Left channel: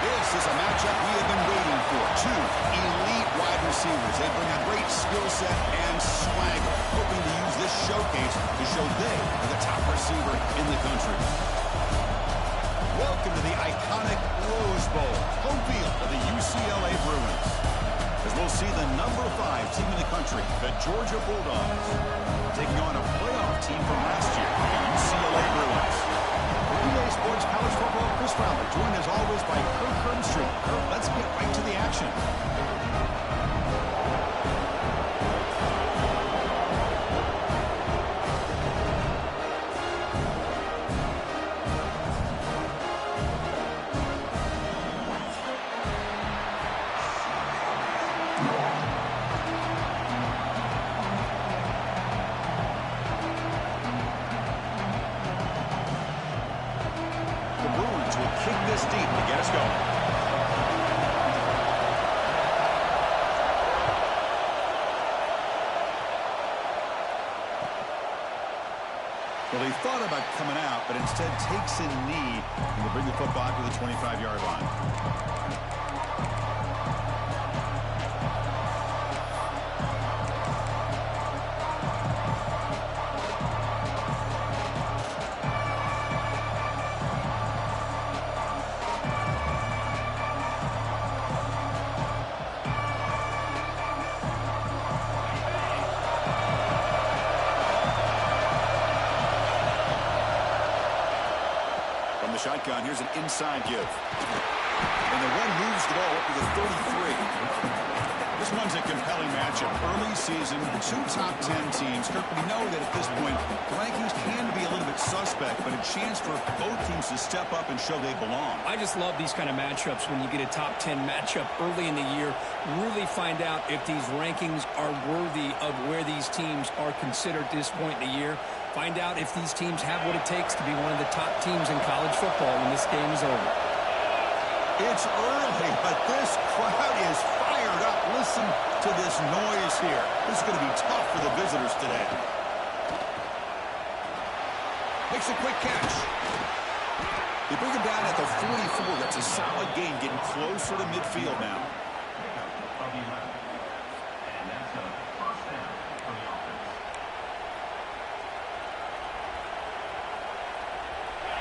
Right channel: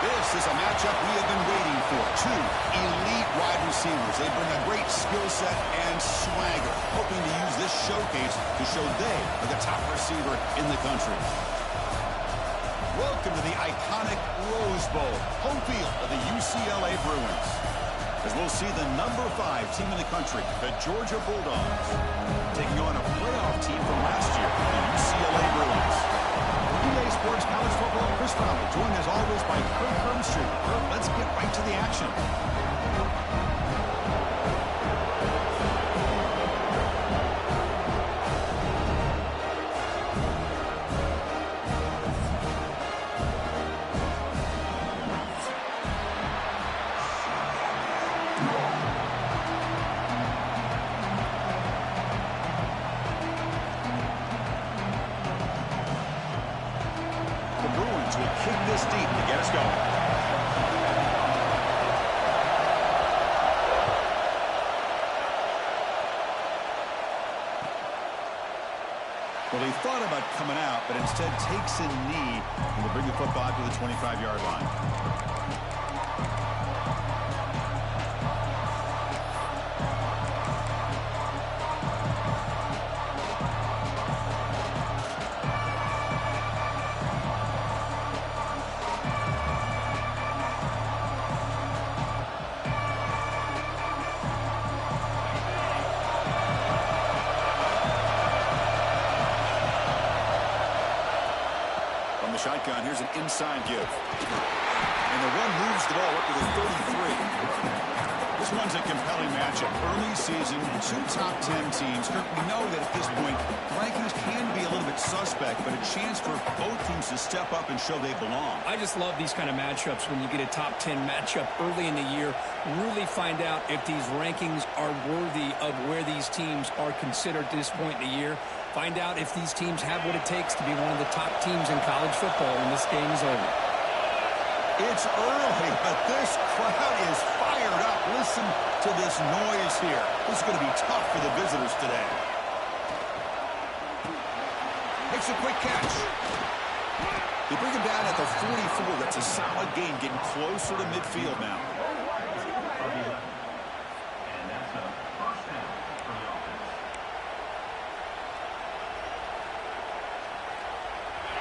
This is a matchup we have been waiting for. Two elite wide receivers. They bring a great skill set and swagger, hoping to use this showcase to show they are the top receiver in the country. Welcome to the iconic Rose Bowl, home field of the UCLA Bruins. As we'll see the number 5 team in the country, the Georgia Bulldogs, taking on a playoff team from last year, the UCLA Bruins. EA Sports College Football, Chris Fowler, joined as always by Kirk Herbstreit. Kirk, let's get right to the action. Will kick this deep to get us going. Well, he thought about coming out, but instead takes a knee and will bring the football to the 25-yard line. From the shotgun, here's an inside give. And the run moves the ball up to the 33. This one's a compelling matchup. Early season, 2 top 10 teams. Kirk, we know that at this point, the rankings can be a little bit suspect, but a chance for both teams to step up and show they belong. I just love these kind of matchups when you get a top 10 matchup early in the year. Really find out if these rankings are worthy of where these teams are considered at this point in the year. Find out if these teams have what it takes to be one of the top teams in college football when this game is over. It's early, but this crowd is fired up. Listen to this noise here. This is going to be tough for the visitors today. Makes a quick catch. They bring him down at the 44. That's a solid gain, getting closer to midfield now.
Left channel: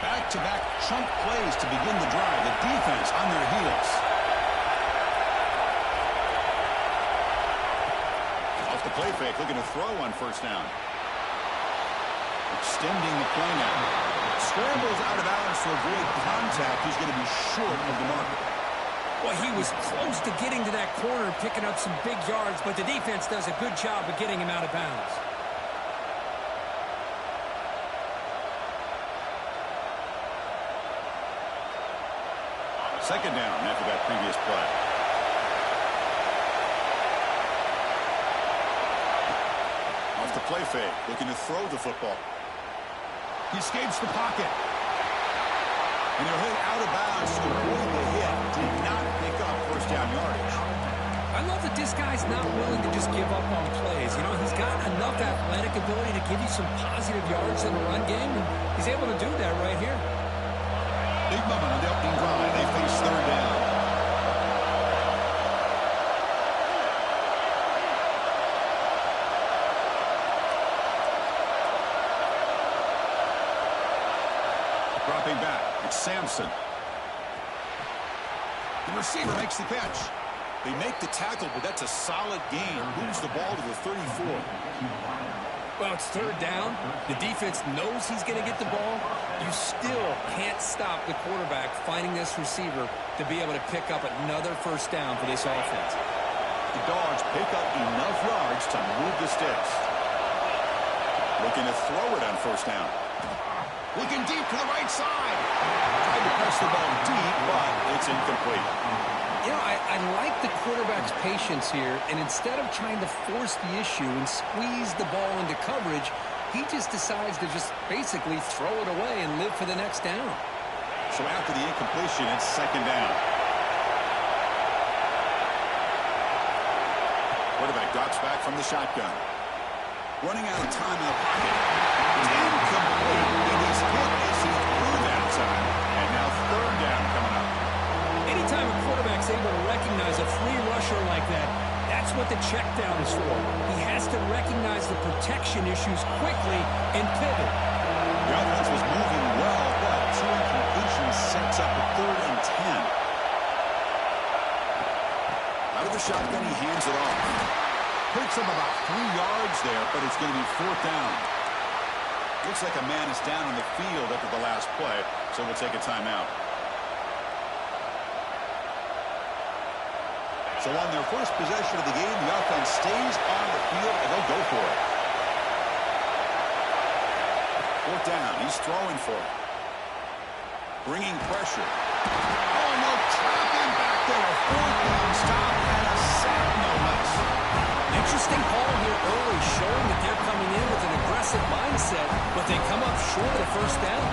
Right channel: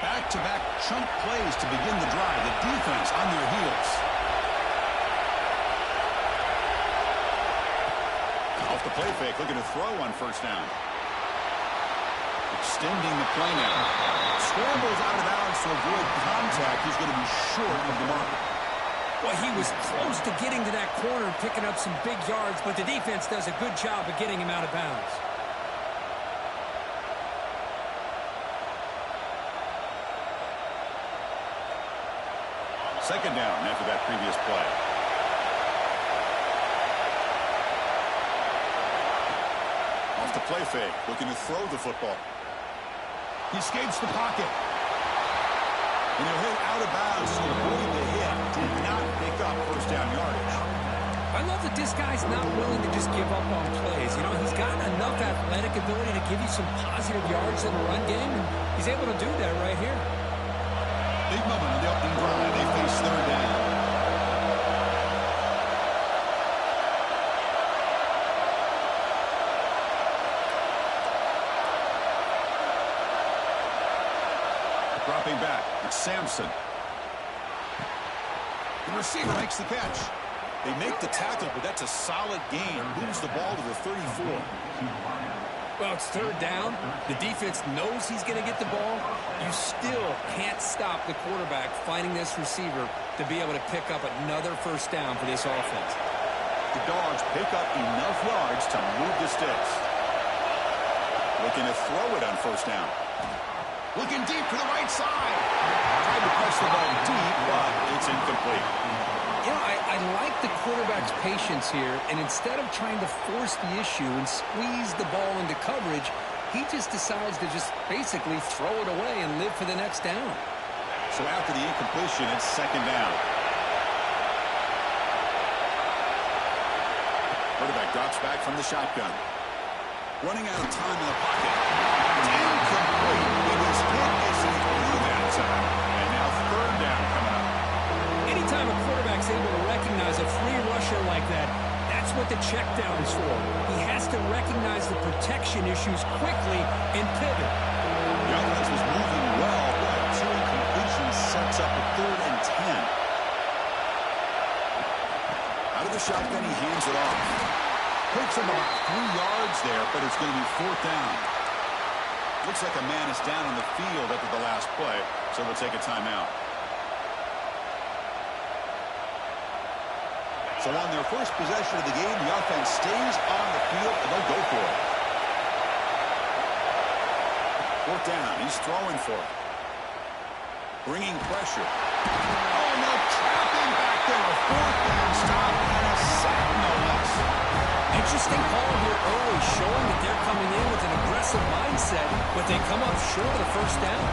Back-to-back chunk plays to begin the drive. The defense on their heels. Off the play fake, looking to throw on first down. Extending the play now. Scrambles out of bounds to avoid contact. He's going to be short of the marker. Well, he was close to getting to that corner, picking up some big yards, but the defense does a good job of getting him out of bounds. Second down after that previous play. Off the play fake, looking to throw the football. He escapes the pocket. And he'll hit out of bounds to avoid the hit. Did not pick up first down yardage. I love that this guy's not willing to just give up on plays. You know, he's got enough athletic ability to give you some positive yards in the run game, and he's able to do that right here. Big moment on the opening drive. They face third down. Dropping back, it's Sampson. The receiver makes the catch. They make the tackle, but that's a solid gain. Moves the ball to the 34. Well, it's third down. The defense knows he's going to get the ball. You still can't stop the quarterback finding this receiver to be able to pick up another first down for this offense. The Dogs pick up enough yards to move the sticks. Looking to throw it on first down. Looking deep to the right side. Tried to press the ball deep, but it's incomplete. You know, I like the quarterback's patience here, and instead of trying to force the issue and squeeze the ball into coverage, he just decides to just basically throw it away and live for the next down. So after the incompletion, it's second down. Quarterback drops back from the shotgun. Running out of time in the pocket. It's incomplete. He was hit as he threw that time. And now third down coming up. Anytime a quarterback's able to recognize a free rusher like that, that's what the check down is for. He has to recognize the protection issues quickly and pivot. The offense was moving well, but 2 incompletions sets up a 3rd and 10. Out of the shotgun, he hands it off. Picks up about 3 yards there, but it's going to be 4th down. Looks like a man is down on the field after the last play, so we'll take a timeout. So on their first possession of the game, the offense stays on the field, and they'll go for it. 4th down. He's throwing for it. Bringing pressure. Oh, no, trapping back there. A 4th down stop and a sack, no less. Interesting call here early, showing that they're coming in with an aggressive mindset, but they come up short of the 1st down.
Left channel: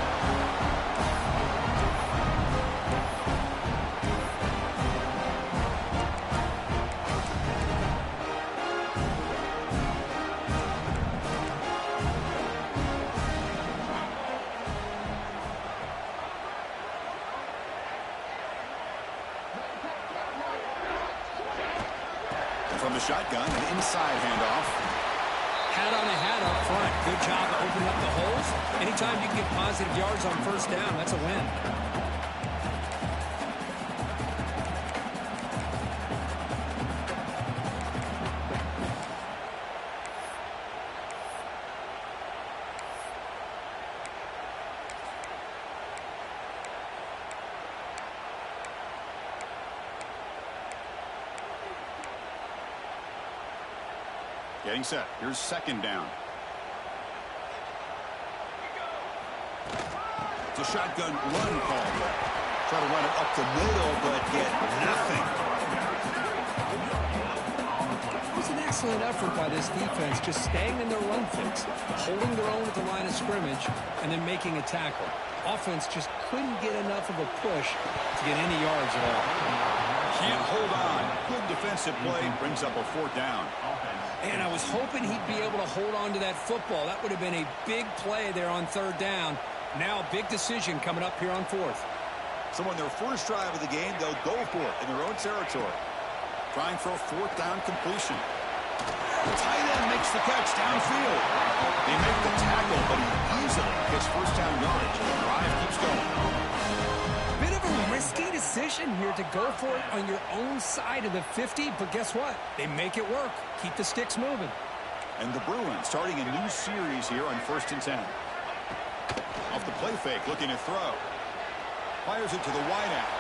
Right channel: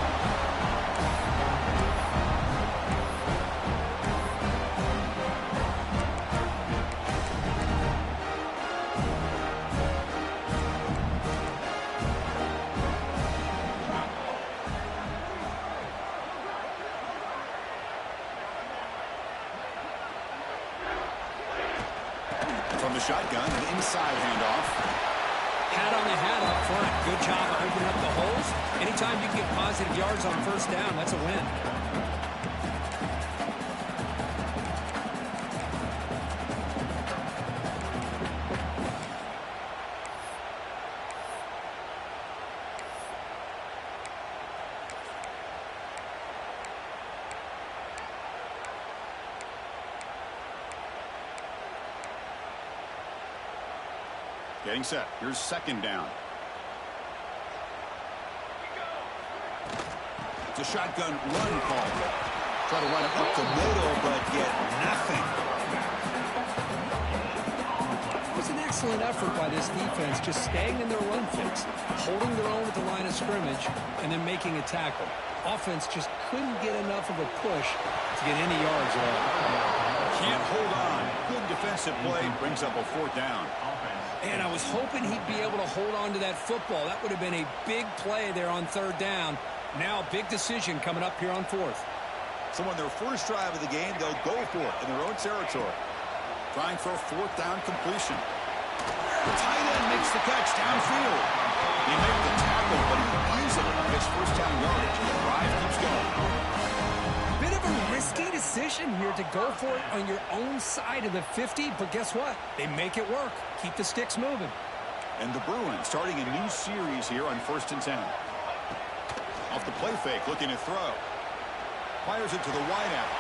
From the shotgun, an inside handoff. Hat on the hat up front. Good job of opening up the holes. Anytime you can get positive yards on 1st down, that's a win. Getting set. Here's 2nd down. It's a shotgun run call. Try to run it up the middle, but get nothing. It was an excellent effort by this defense, just staying in their run fix, holding their own at the line of scrimmage, and then making a tackle. Offense just couldn't get enough of a push to get any yards at all. Can't hold on. Good defensive play. Brings up a 4th down. And I was hoping he'd be able to hold on to that football. That would have been a big play there on 3rd down. Now a big decision coming up here on 4th. So on their first drive of the game, they'll go for it in their own territory. Trying for a 4th down completion. The tight end makes the catch downfield. They make the tackle, but he easily gets 1st down yardage. The drive keeps going. Bit of a risky decision here to go for it on your own side of the 50, but guess what? They make it work. Keep the sticks moving. And the Bruins starting a new series here on 1st and 10. Off the play fake, looking to throw. Fires it to the wideout.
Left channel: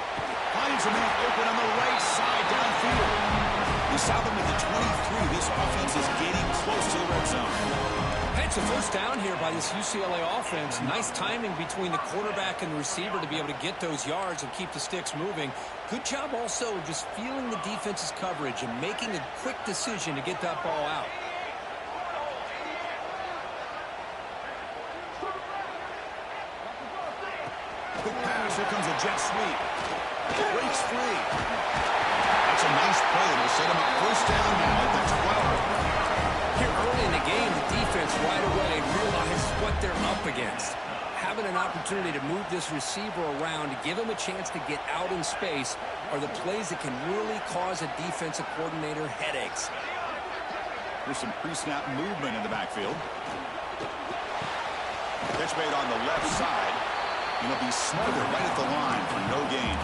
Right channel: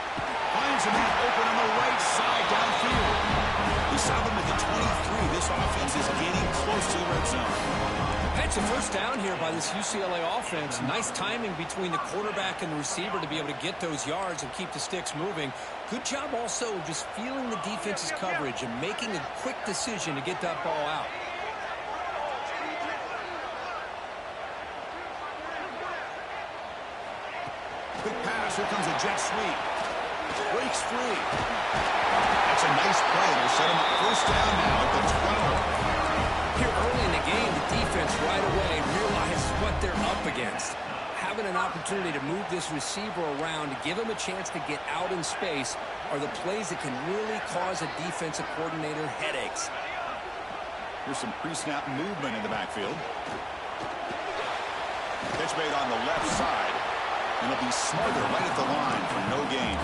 Finds a man open on the right side downfield. They stop him at the 23. This offense is getting close to the red zone. It's a 1st down here by this UCLA offense. Nice timing between the quarterback and the receiver to be able to get those yards and keep the sticks moving. Good job also just feeling the defense's coverage and making a quick decision to get that ball out. Quick pass. Here comes a jet sweep. Breaks free. That's a nice play. It'll set him up 1st down now at the 12. Here early in the game, the defense right away realizes what they're up against. Having an opportunity to move this receiver around to give him a chance to get out in space are the plays that can really cause a defensive coordinator headaches. Here's some pre-snap movement in the backfield. Catch made on the left side. And it'll be Smarter right at the line for no gain.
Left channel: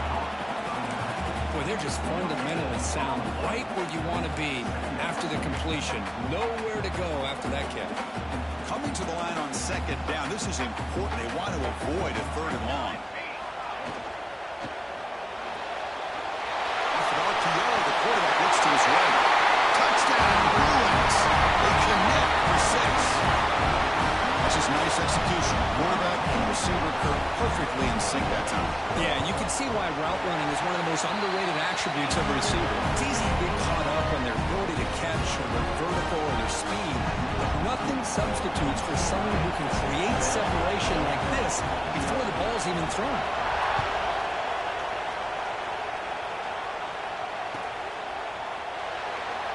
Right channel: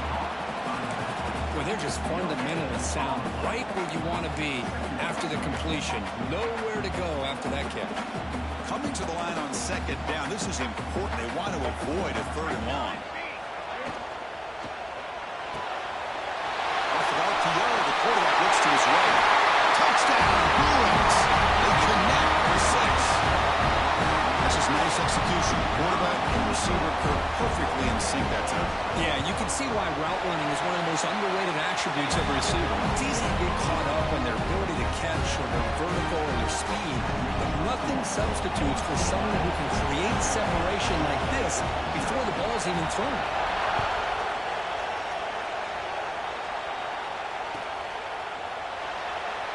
Boy, they're just fundamentally sound right where you want to be after the completion. Nowhere to go after that catch. Coming to the line on 2nd down. This is important. They want to avoid a 3rd and long. Off of RPO, the quarterback looks to his right. Touchdown, Bruins. They connect for 6. That's just nice execution. Quarterback and receiver perfectly in sync that time. Yeah, you can see why route running is one of the most underrated attributes of a receiver. It's easy to get caught up on their ability to catch or their vertical or their speed, but nothing substitutes for someone who can create separation like this before the ball's even thrown.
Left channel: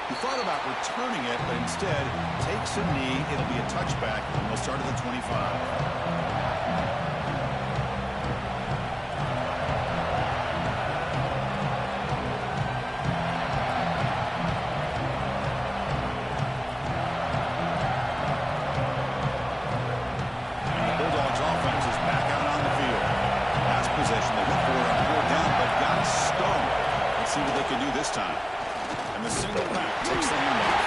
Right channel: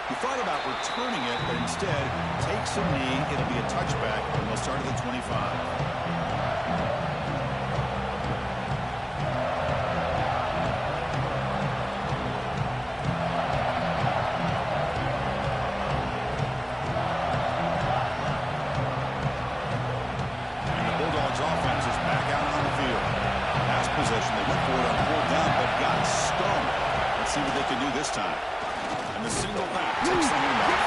He thought about returning it, but instead takes a knee. It'll be a touchback, and they'll start at the 25. see what they can do this time. And the single back takes the handoff.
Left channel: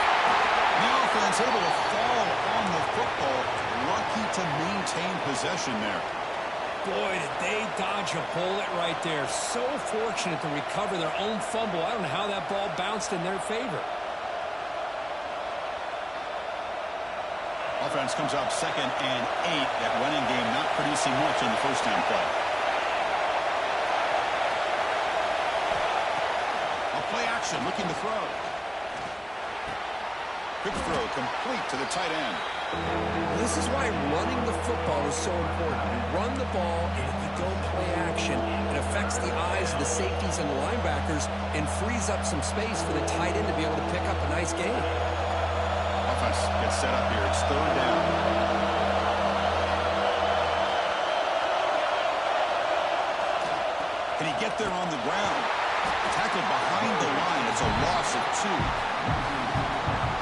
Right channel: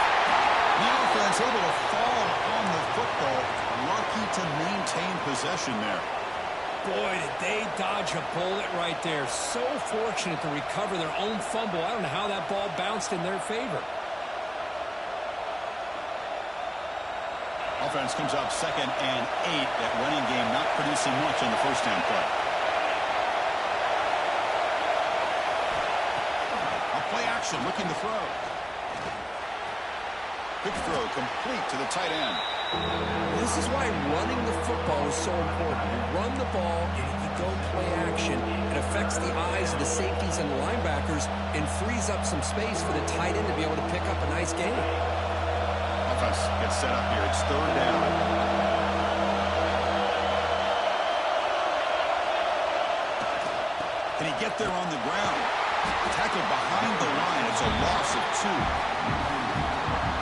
The offense able to fall on the football. Lucky to maintain possession there. Boy, did they dodge a bullet right there. So fortunate to recover their own fumble. I don't know how that ball bounced in their favor. Offense comes up 2nd and 8. That running game not producing much on the first down play. A play action looking to throw. Quick throw complete to the tight end. This is why running the football is so important. You run the ball, and if you don't play action, it affects the eyes of the safeties and the linebackers and frees up some space for the tight end to be able to pick up a nice game. Offense gets set up here. It's 3rd down. Can he get there on the ground? Tackled behind the line. It's a loss of 2.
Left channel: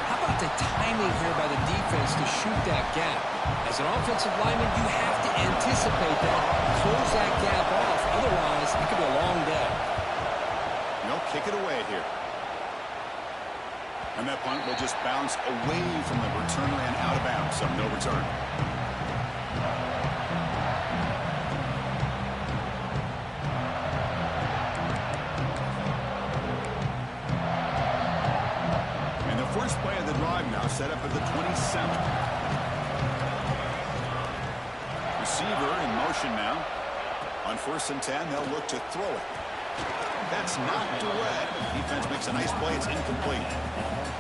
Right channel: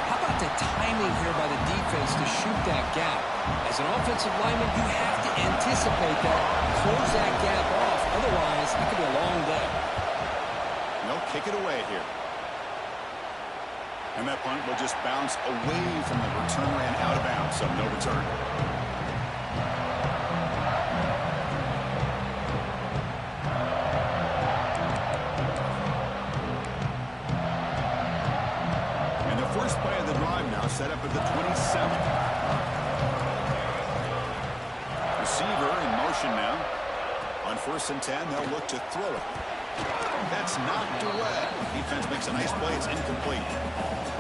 How about the timing here by the defense to shoot that gap? As an offensive lineman, you have to anticipate that, close that gap off. Otherwise, it could be a long day. They'll kick it away here. And that punt will just bounce away from the returner and out of bounds, so no return. And the first play of the drive now set up at the 27th. Receiver in motion now. On 1st and 10, they'll look to throw it. That's knocked away. Defense makes a nice play. It's incomplete.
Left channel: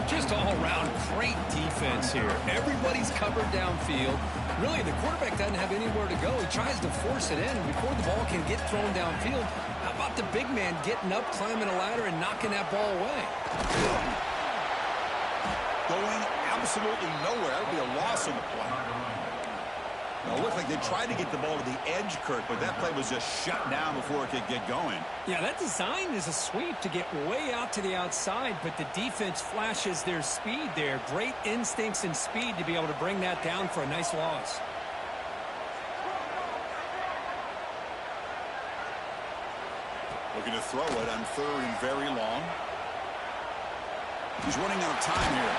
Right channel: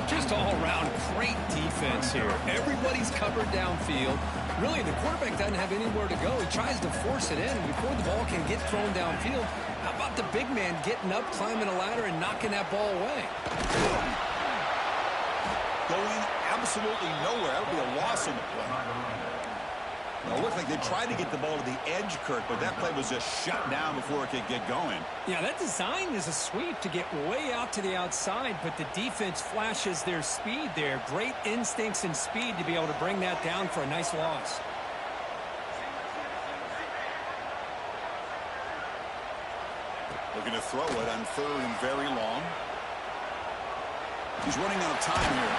Just all around great defense here. Everybody's covered downfield. Really, the quarterback doesn't have anywhere to go. He tries to force it in, and before the ball can get thrown downfield, how about the big man getting up, climbing a ladder, and knocking that ball away? Going absolutely nowhere. That would be a loss on the play. Well, it looked like they tried to get the ball to the edge, Kirk, but that play was just shut down before it could get going. Yeah, that design is a sweep to get way out to the outside, but the defense flashes their speed there. Great instincts and speed to be able to bring that down for a nice loss. Looking to throw it on 3rd and very long. He's running out of time here.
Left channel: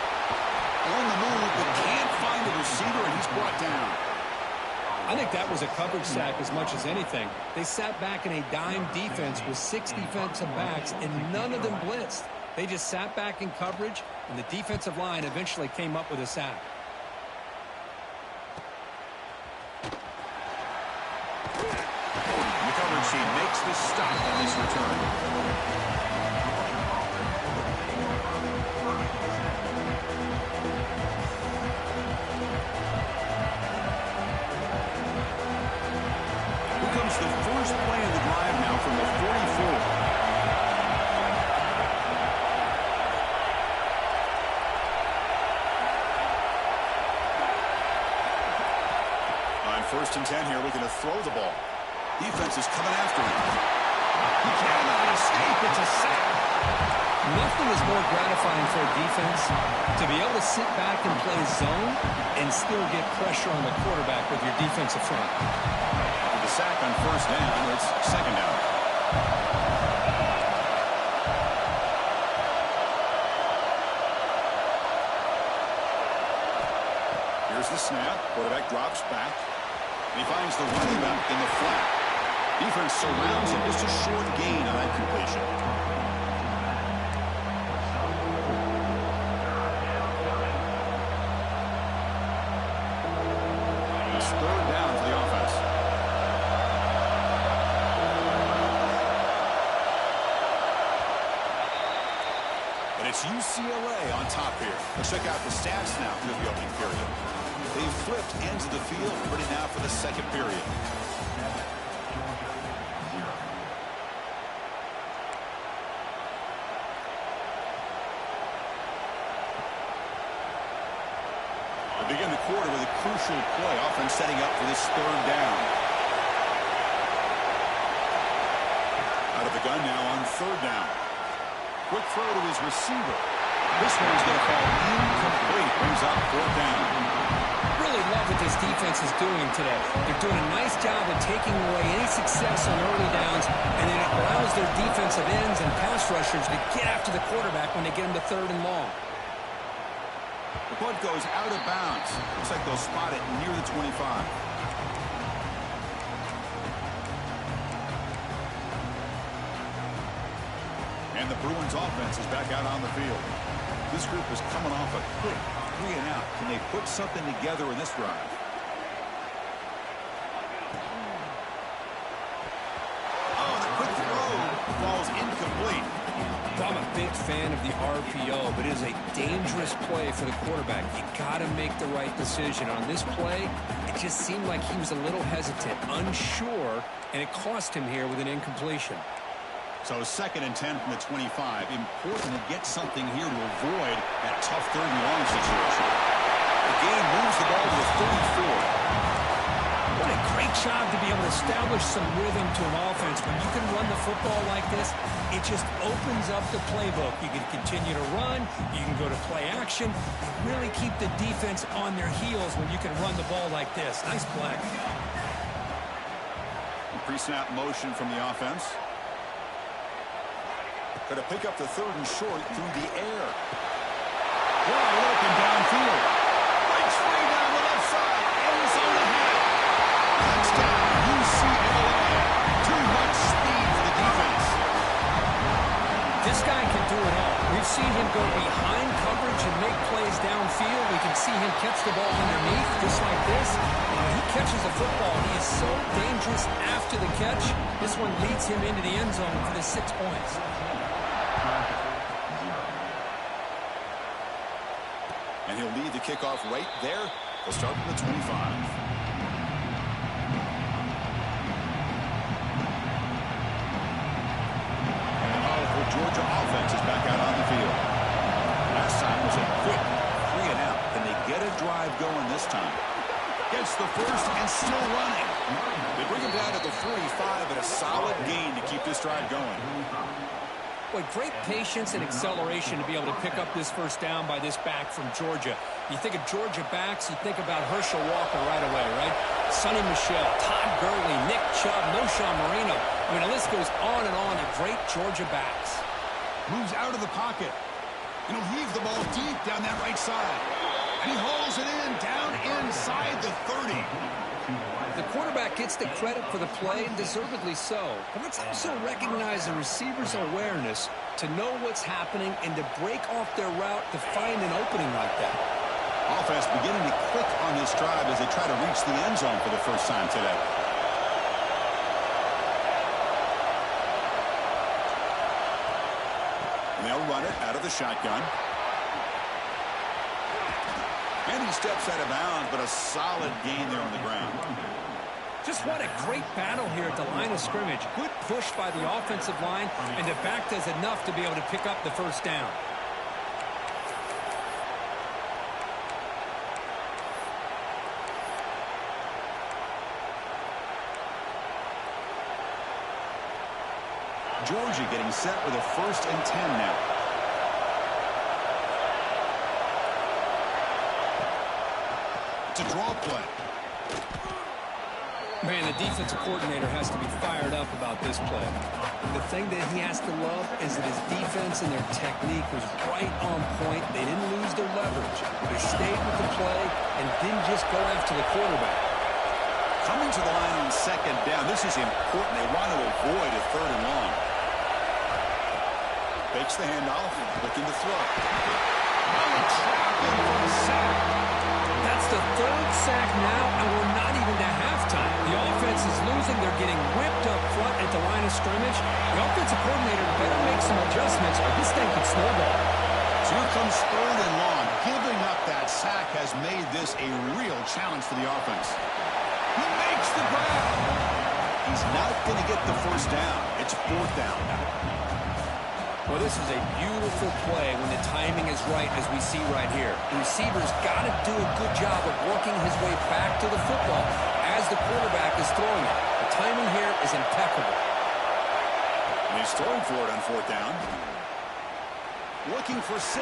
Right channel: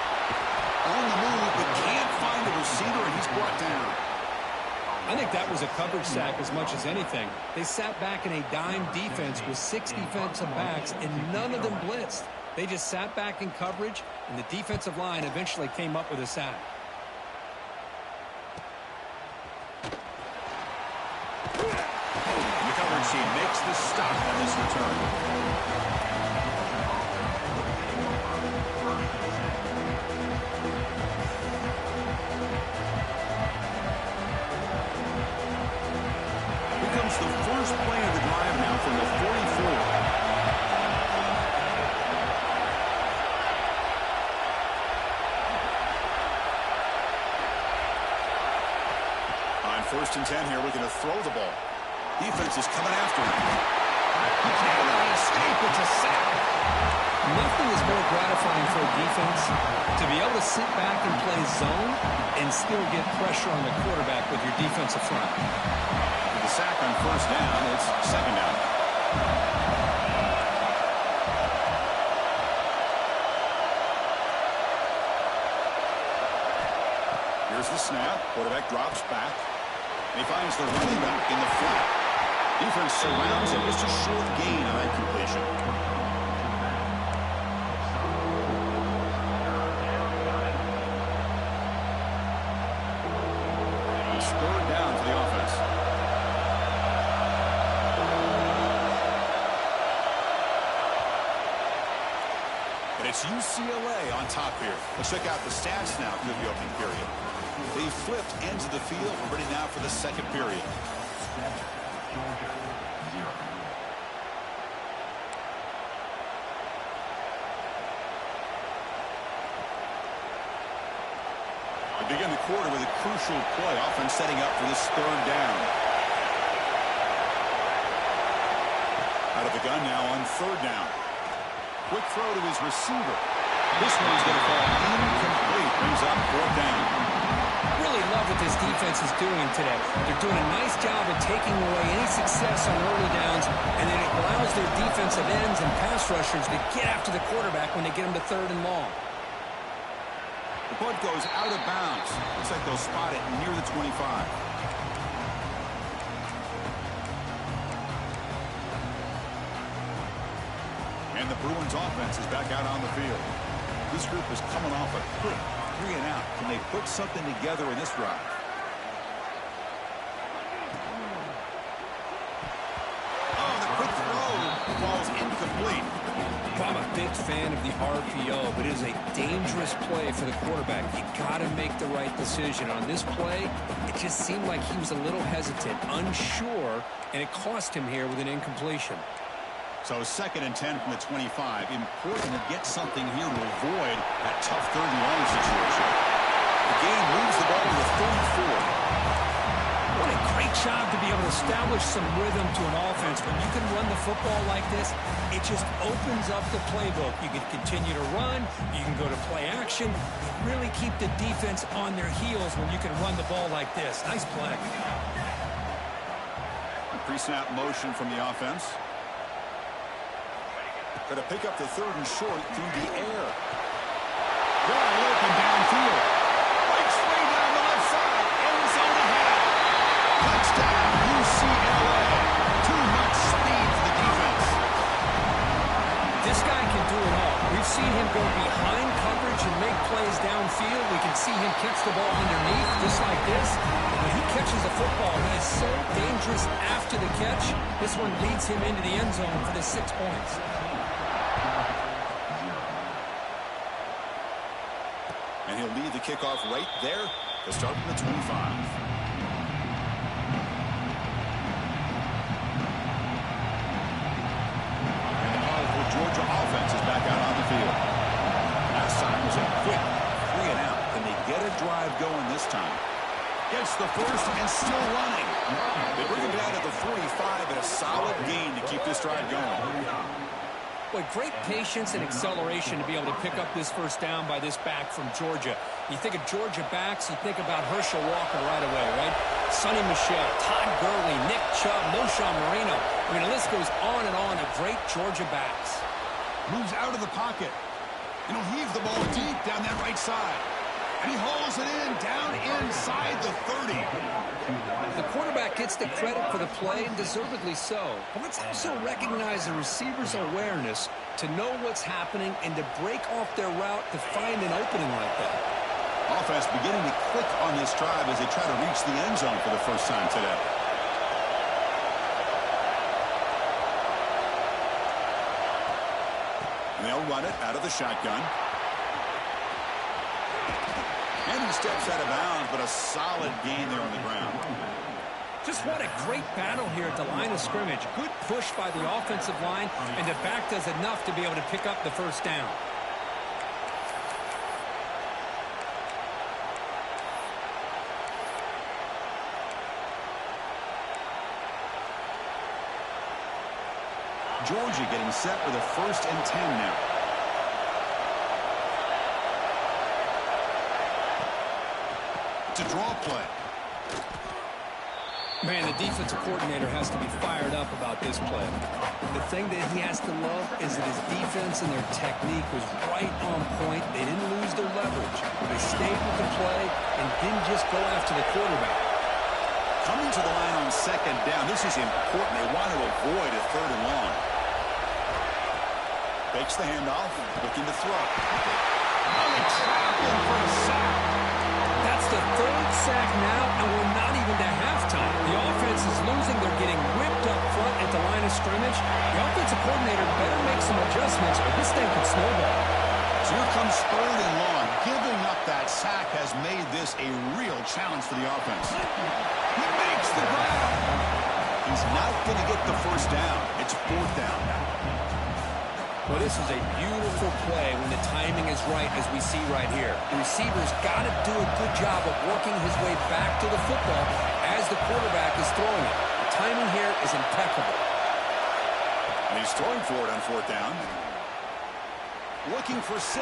On the move, but can't find a receiver, and he's brought down. I think that was a coverage sack as much as anything. They sat back in a dime defense with 6 defensive backs, and none of them blitzed. They just sat back in coverage, and the defensive line eventually came up with a sack. And the coverage team makes the stop on this return. The first play of the drive now from the 44. On 1st and 10 here, looking to throw the ball. Defense is coming after him. He cannot escape. It's a sack. Nothing is more gratifying for a defense to be able to sit back and play zone and still get pressure on the quarterback with your defensive front. The sack on 1st down, it's 2nd down. Here's the snap. Quarterback drops back. And he finds the running back in the flat. Defense surrounds him. Just a short gain on that completion. It's 3rd down for the offense. And it's UCLA on top here. Let's check out the stats now through the opening period. They've flipped ends of the field, ready now for the 2nd period. They begin the quarter with a crucial play, offense setting up for this 3rd down. Out of the gun now on 3rd down. Quick throw to his receiver. This one's going to fall incomplete. Brings up 4th down. Really love what this defense is doing today. They're doing a nice job of taking away any success on early downs, and then it allows their defensive ends and pass rushers to get after the quarterback when they get him to 3rd and long. The punt goes out of bounds. Looks like they'll spot it near the 25. And the Bruins offense is back out on the field. This group is coming off a quick 3 and out. Can they put something together in this drive? Oh, the quick throw falls incomplete. Well, I'm a big fan of the RPO, but it is a dangerous play for the quarterback. You got to make the right decision. On this play, it just seemed like he was a little hesitant, unsure, and it cost him here with an incompletion. So 2nd and 10 from the 25. Important to get something here to avoid that tough 3rd and long situation. The game moves the ball to the 34. What a great job to be able to establish some rhythm to an offense. When you can run the football like this, it just opens up the playbook. You can continue to run. You can go to play action. You really keep the defense on their heels when you can run the ball like this. Nice play. Pre-snap motion from the offense. Going to pick up the 3rd and short through the air. Wide open downfield. Breaks free down the left side. End zone ahead. Touchdown, UCLA. Too much speed for the defense. This guy can do it all. We've seen him go behind coverage and make plays downfield. We can see him catch the ball underneath just like this. And when he catches the football, he is so dangerous after the catch. This one leads him into the end zone for the 6 points. And he'll lead the kickoff right there. They'll start from the 25. And the powerful Georgia offense is back out on the field. Last time was a quick 3 and out. Can they get a drive going this time? Gets the first and still running. They bring him down at the 45 and a solid gain to keep this drive going. Boy, great patience and acceleration to be able to pick up this first down by this back from Georgia. You think of Georgia backs, you think about Herschel Walker right away, right? Sonny Michel, Todd Gurley, Nick Chubb, Noshawn Marino. I mean, the list goes on and on of great Georgia backs. Moves out of the pocket. And he'll heave the ball deep down that right side. And he hauls it in down inside the 30. The quarterback gets the credit for the play, and deservedly so. But let's also recognize the receiver's awareness to know what's happening and to break off their route to find an opening like that. Offense beginning to click on this drive as they try to reach the end zone for the first time today. And they'll run it out of the shotgun. And he steps out of bounds, but a solid gain there on the ground. Just what a great battle here at the line of scrimmage. Good push by the offensive line, and the back does enough to be able to pick up the first down. Georgia getting set with a 1st and 10 now. It's a draw play. Man, the defensive coordinator has to be fired up about this play. The thing that he has to love is that his defense and their technique was right on point. They didn't lose their leverage. They stayed with the play and didn't just go after the quarterback. Coming to the line on 2nd down. This is important. They want to avoid a 3rd and long. Fakes the handoff, looking to throw. Oh, they trap him for a sack. That's the 3rd sack now, and we're not even to halftime. The offense is losing. They're getting whipped up front at the line of scrimmage. The offensive coordinator better make some adjustments or this thing could snowball. So here comes 3rd and long. Giving up that sack has made this a real challenge for the offense. He makes the grab. He's not going to get the first down. It's 4th down now. Well, this is a beautiful play when the timing is right, as we see right here. The receiver's got to do a good job of working his way back to the football as the quarterback is throwing it. The timing here is impeccable. And he's throwing for it on 4th down. Looking for 6.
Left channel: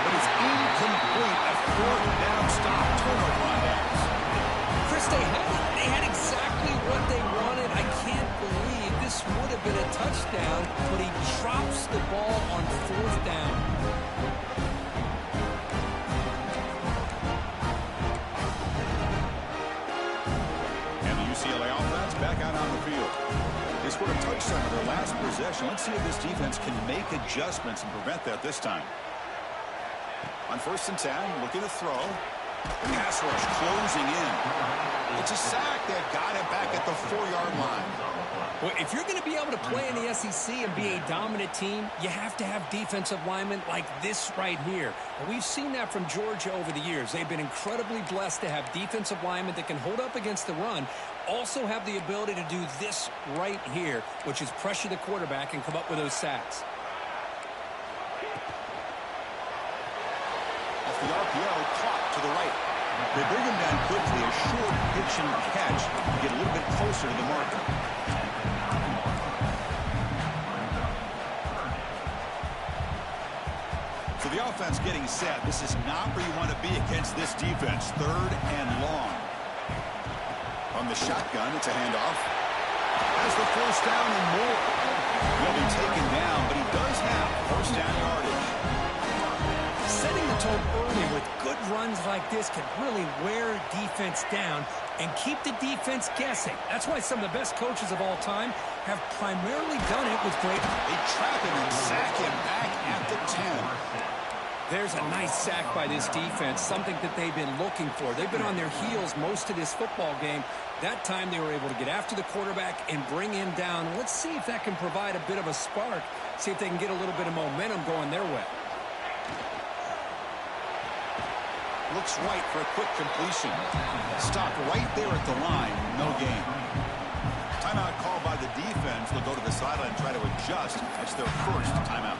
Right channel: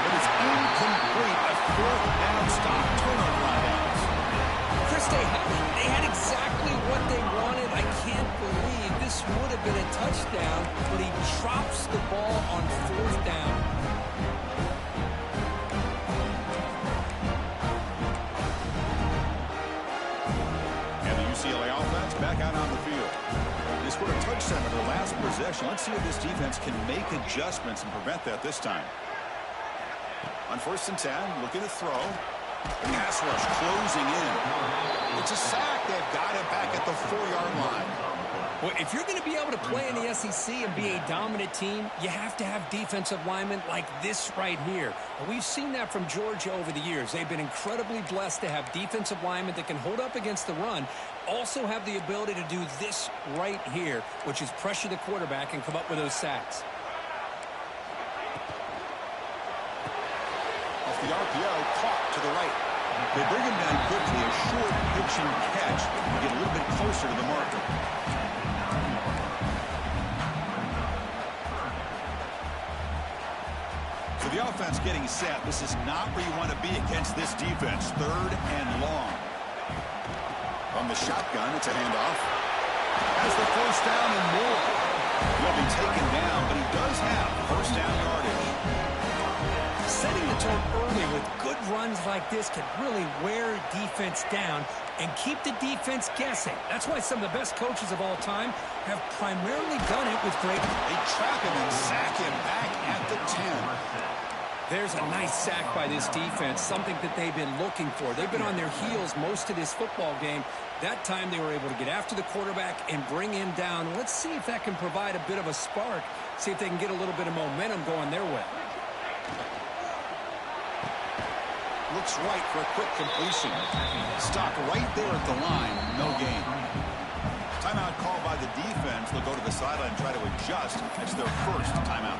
but it's incomplete. A fourth down stop. Turnover on downs. Chris, they had exactly what they wanted. I can't believe this would have been a touchdown, but he drops the ball on fourth down. And the UCLA offense back out on the field. They scored a touchdown in their last possession. Let's see if this defense can make adjustments and prevent that this time. On 1st and 10, looking to throw. Pass rush closing in. It's a sack. They've got it back at the 4-yard line. Well, if you're going to be able to play in the SEC and be a dominant team, you have to have defensive linemen like this right here. And we've seen that from Georgia over the years. They've been incredibly blessed to have defensive linemen that can hold up against the run, also have the ability to do this right here, which is pressure the quarterback and come up with those sacks. Off the RPO, caught to the right. They bring him down quickly, a short pitch and catch to get a little bit closer to the marker. So the offense getting set. This is not where you want to be against this defense. 3rd and long. From the shotgun, it's a handoff. Has the first down and more. He'll be taken down, but he does have first down yardage. Setting the tone early with good runs like this can really wear defense down and keep the defense guessing. That's why some of the best coaches of all time have primarily done it with great... They trap him and sack him back at the 10. There's a nice sack by this defense, something that they've been looking for. They've been on their heels most of this football game. That time they were able to get after the quarterback and bring him down. And let's see if that can provide a bit of a spark, see if they can get a little bit of momentum going their way. Looks right for a quick completion. Stopped right there at the line. No gain. Timeout called by the defense. They'll go to the sideline and try to adjust. That's their first timeout.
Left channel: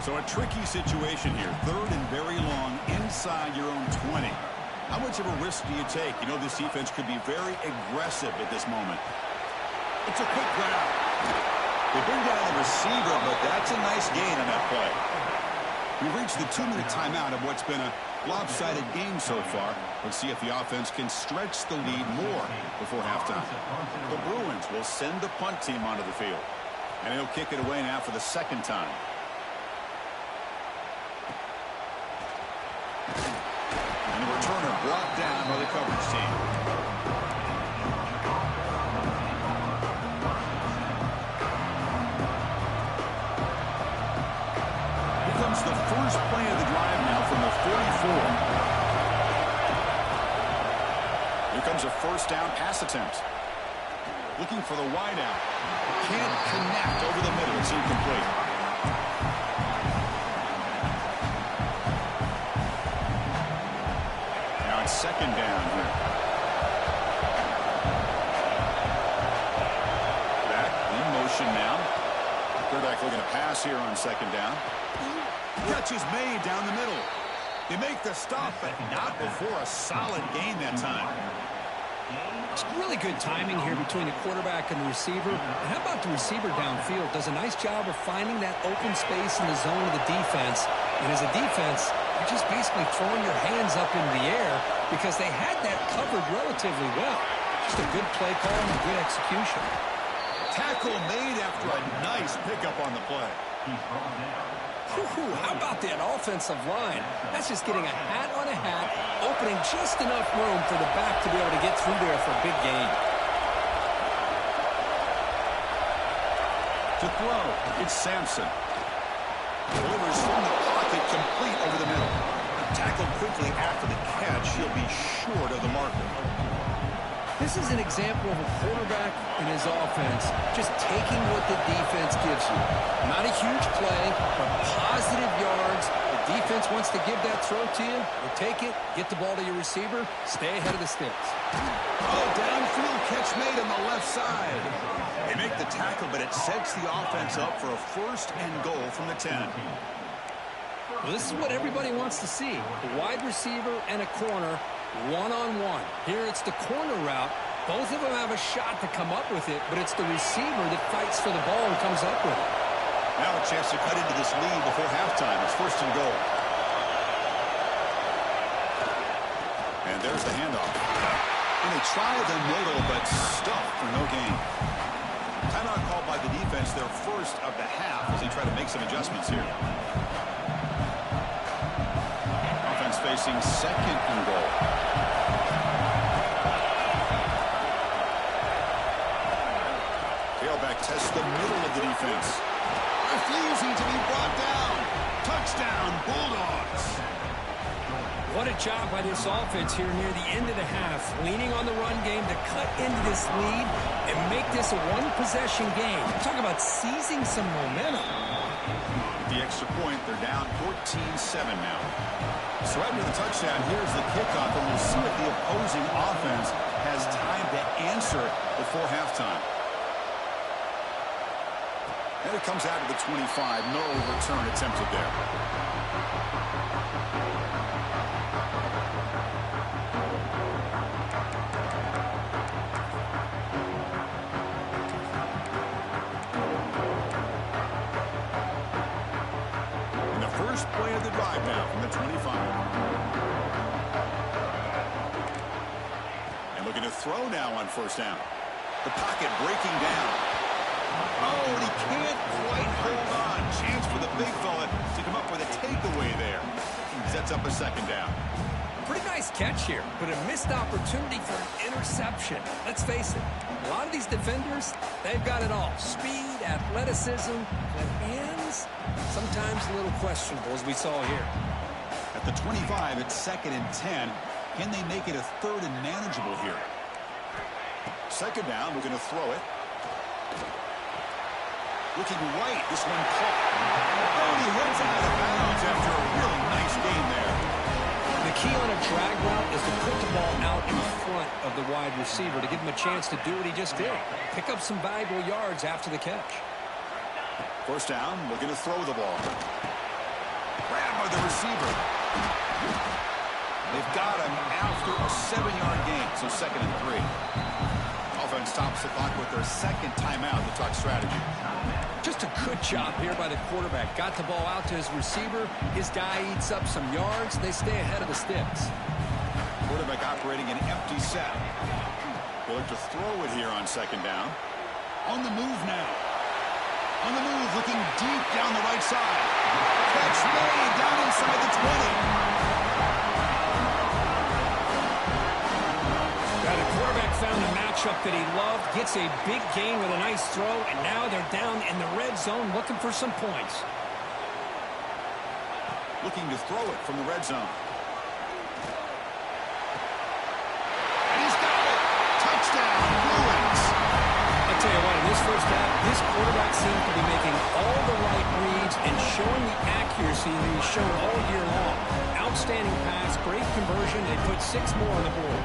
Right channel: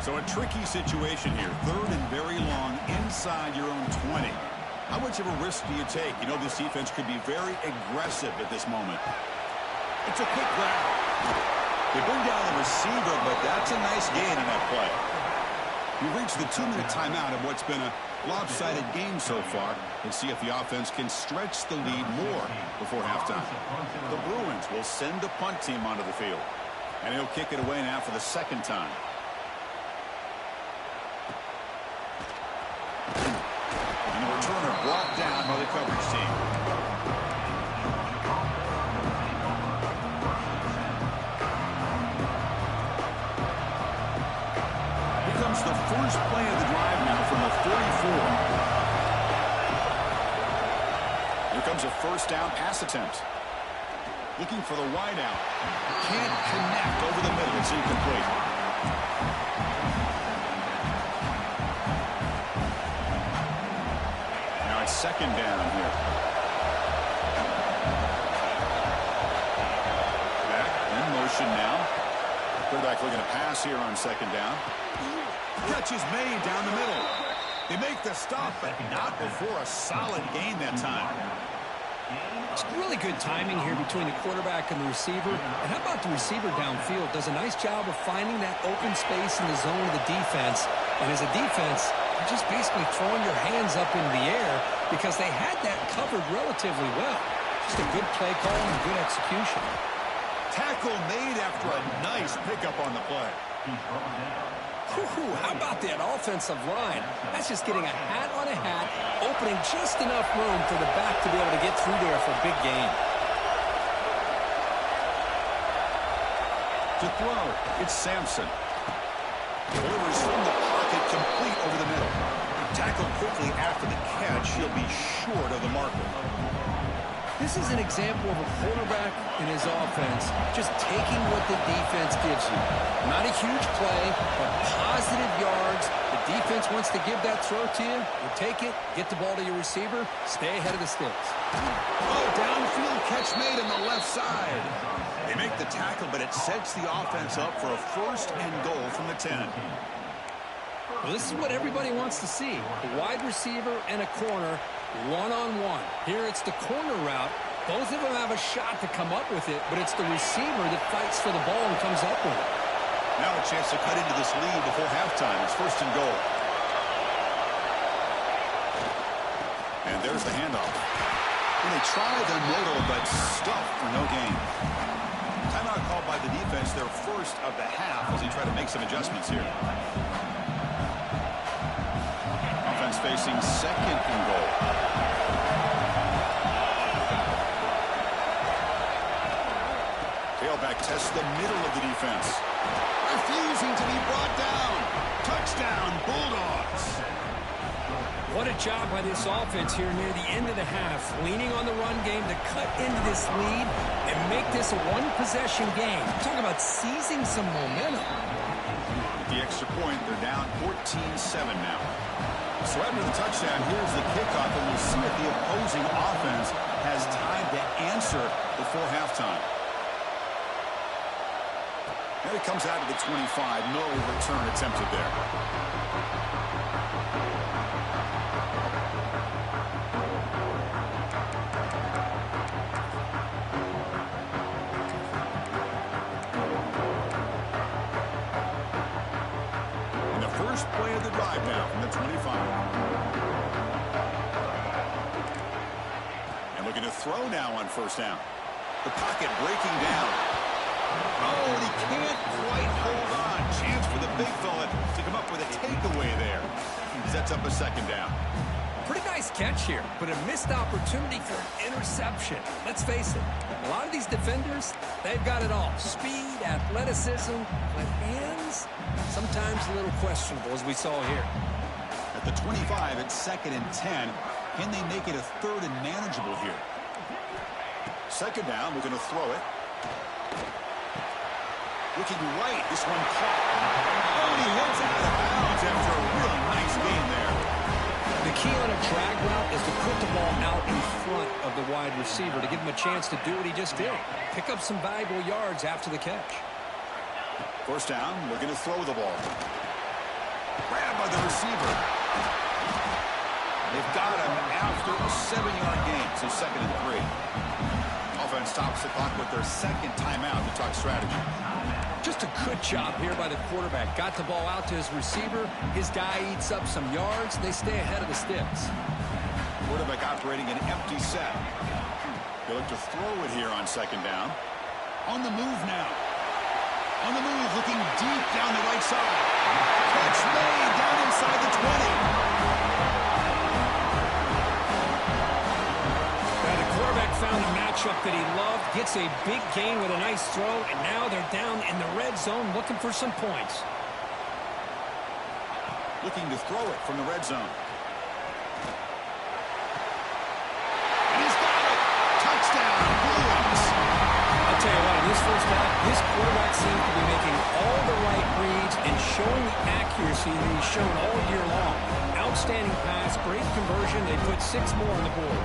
So a tricky situation here. 3rd and very long inside your own 20. How much of a risk do you take? You know this defense could be very aggressive at this moment. It's a quick grab. They bring down the receiver, but that's a nice gain on that play. We've reached the 2-minute timeout of what's been a lopsided game so far. Let's see if the offense can stretch the lead more before halftime. The Bruins will send the punt team onto the field. And he'll kick it away now for the 2nd time. And the returner brought down by the coverage team. The first play of the drive now from the 44. Here comes a first down pass attempt. Looking for the wide out. Can't connect over the middle. It's incomplete. Now it's 2nd down here. Back in motion now. Quarterback looking to pass here on 2nd down. Catch is made down the middle. They make the stop, but not before a solid gain that time. It's really good timing here between the quarterback and the receiver. And how about the receiver downfield? Does a nice job of finding that open space in the zone of the defense. And as a defense, you're just basically throwing your hands up in the air because they had that covered relatively well. Just a good play call and good execution. Tackle made after a nice pickup on the play. How about that offensive line? That's just getting a hat on a hat, opening just enough room for the back to be able to get through there for a big gain. To throw, it's Sampson. Delivers from the pocket, complete over the middle. Tackled quickly after the catch. He'll be short of the marker. This is an example of a quarterback and his offense just taking what the defense gives you. Not a huge play, but positive yards. The defense wants to give that throw to you. You take it, get the ball to your receiver, stay ahead of the sticks. Oh, downfield catch made on the left side. They make the tackle, but it sets the offense up for a 1st and goal from the 10. Well, this is what everybody wants to see. A wide receiver and a corner, one-on-one. Here it's the corner route. Both of them have a shot to come up with it, but it's the receiver that fights for the ball and comes up with it. Now a chance to cut into this lead before halftime. It's 1st and goal. And there's the handoff. And they try the middle, but stuffed for no gain. Timeout called by the defense, their first of the half, as they try to make some adjustments here. Offense facing 2nd and goal. Tailback tests the middle of the defense. Refusing to be brought down. Touchdown, Bulldogs. What a job by this offense here near the end of the half, leaning on the run game to cut into this lead and make this a one-possession game. Talk about seizing some momentum. With the extra point, they're down 14-7 now. So after the touchdown, here's the kickoff, and we'll see if the opposing offense has time to answer before halftime. And it comes out to the 25. No return attempted there. And the first play of the drive now from the 25. And looking to throw now on 1st down. The pocket breaking down. Oh, and he can't quite hold on. Chance for the big fella to come up with a takeaway there. He sets up a 2nd down. Pretty nice catch here, but a missed opportunity for an interception. Let's face it, a lot of these defenders, they've got it all. Speed, athleticism, but hands, sometimes a little questionable, as we saw here. At the 25, it's 2nd and 10. Can they make it a 3rd and manageable here? 2nd down, we're going to throw it. Looking right, this one caught. Oh, and he heads out of bounds after a really nice gain there. The key on a drag route is to put the ball out in front of the wide receiver to give him a chance to do what he just did. Pick up some valuable yards after the catch. 1st down, looking to throw the ball. Grabbed by the receiver. They've got him after a 7-yard gain, so 2nd and 3. Offense stops the clock with their 2nd timeout to talk strategy. Just a good job here by the quarterback. Got the ball out to his receiver. His guy eats up some yards. They stay ahead of the sticks. Quarterback operating an empty set. They look to throw it here on 2nd down. On the move now. On the move, looking deep down the right side. Catch made down inside the 20. The quarterback found a matchup that he loved, gets a big gain with a nice throw, and now they're down in the red zone looking for some points. Looking to throw it from the red zone. And he's got it. Touchdown, Bruins. I'll tell you what, in this first half, this quarterback seems to be making all the right reads and showing the accuracy that he's shown all year long. Outstanding pass, great conversion. They put 6 more on the board.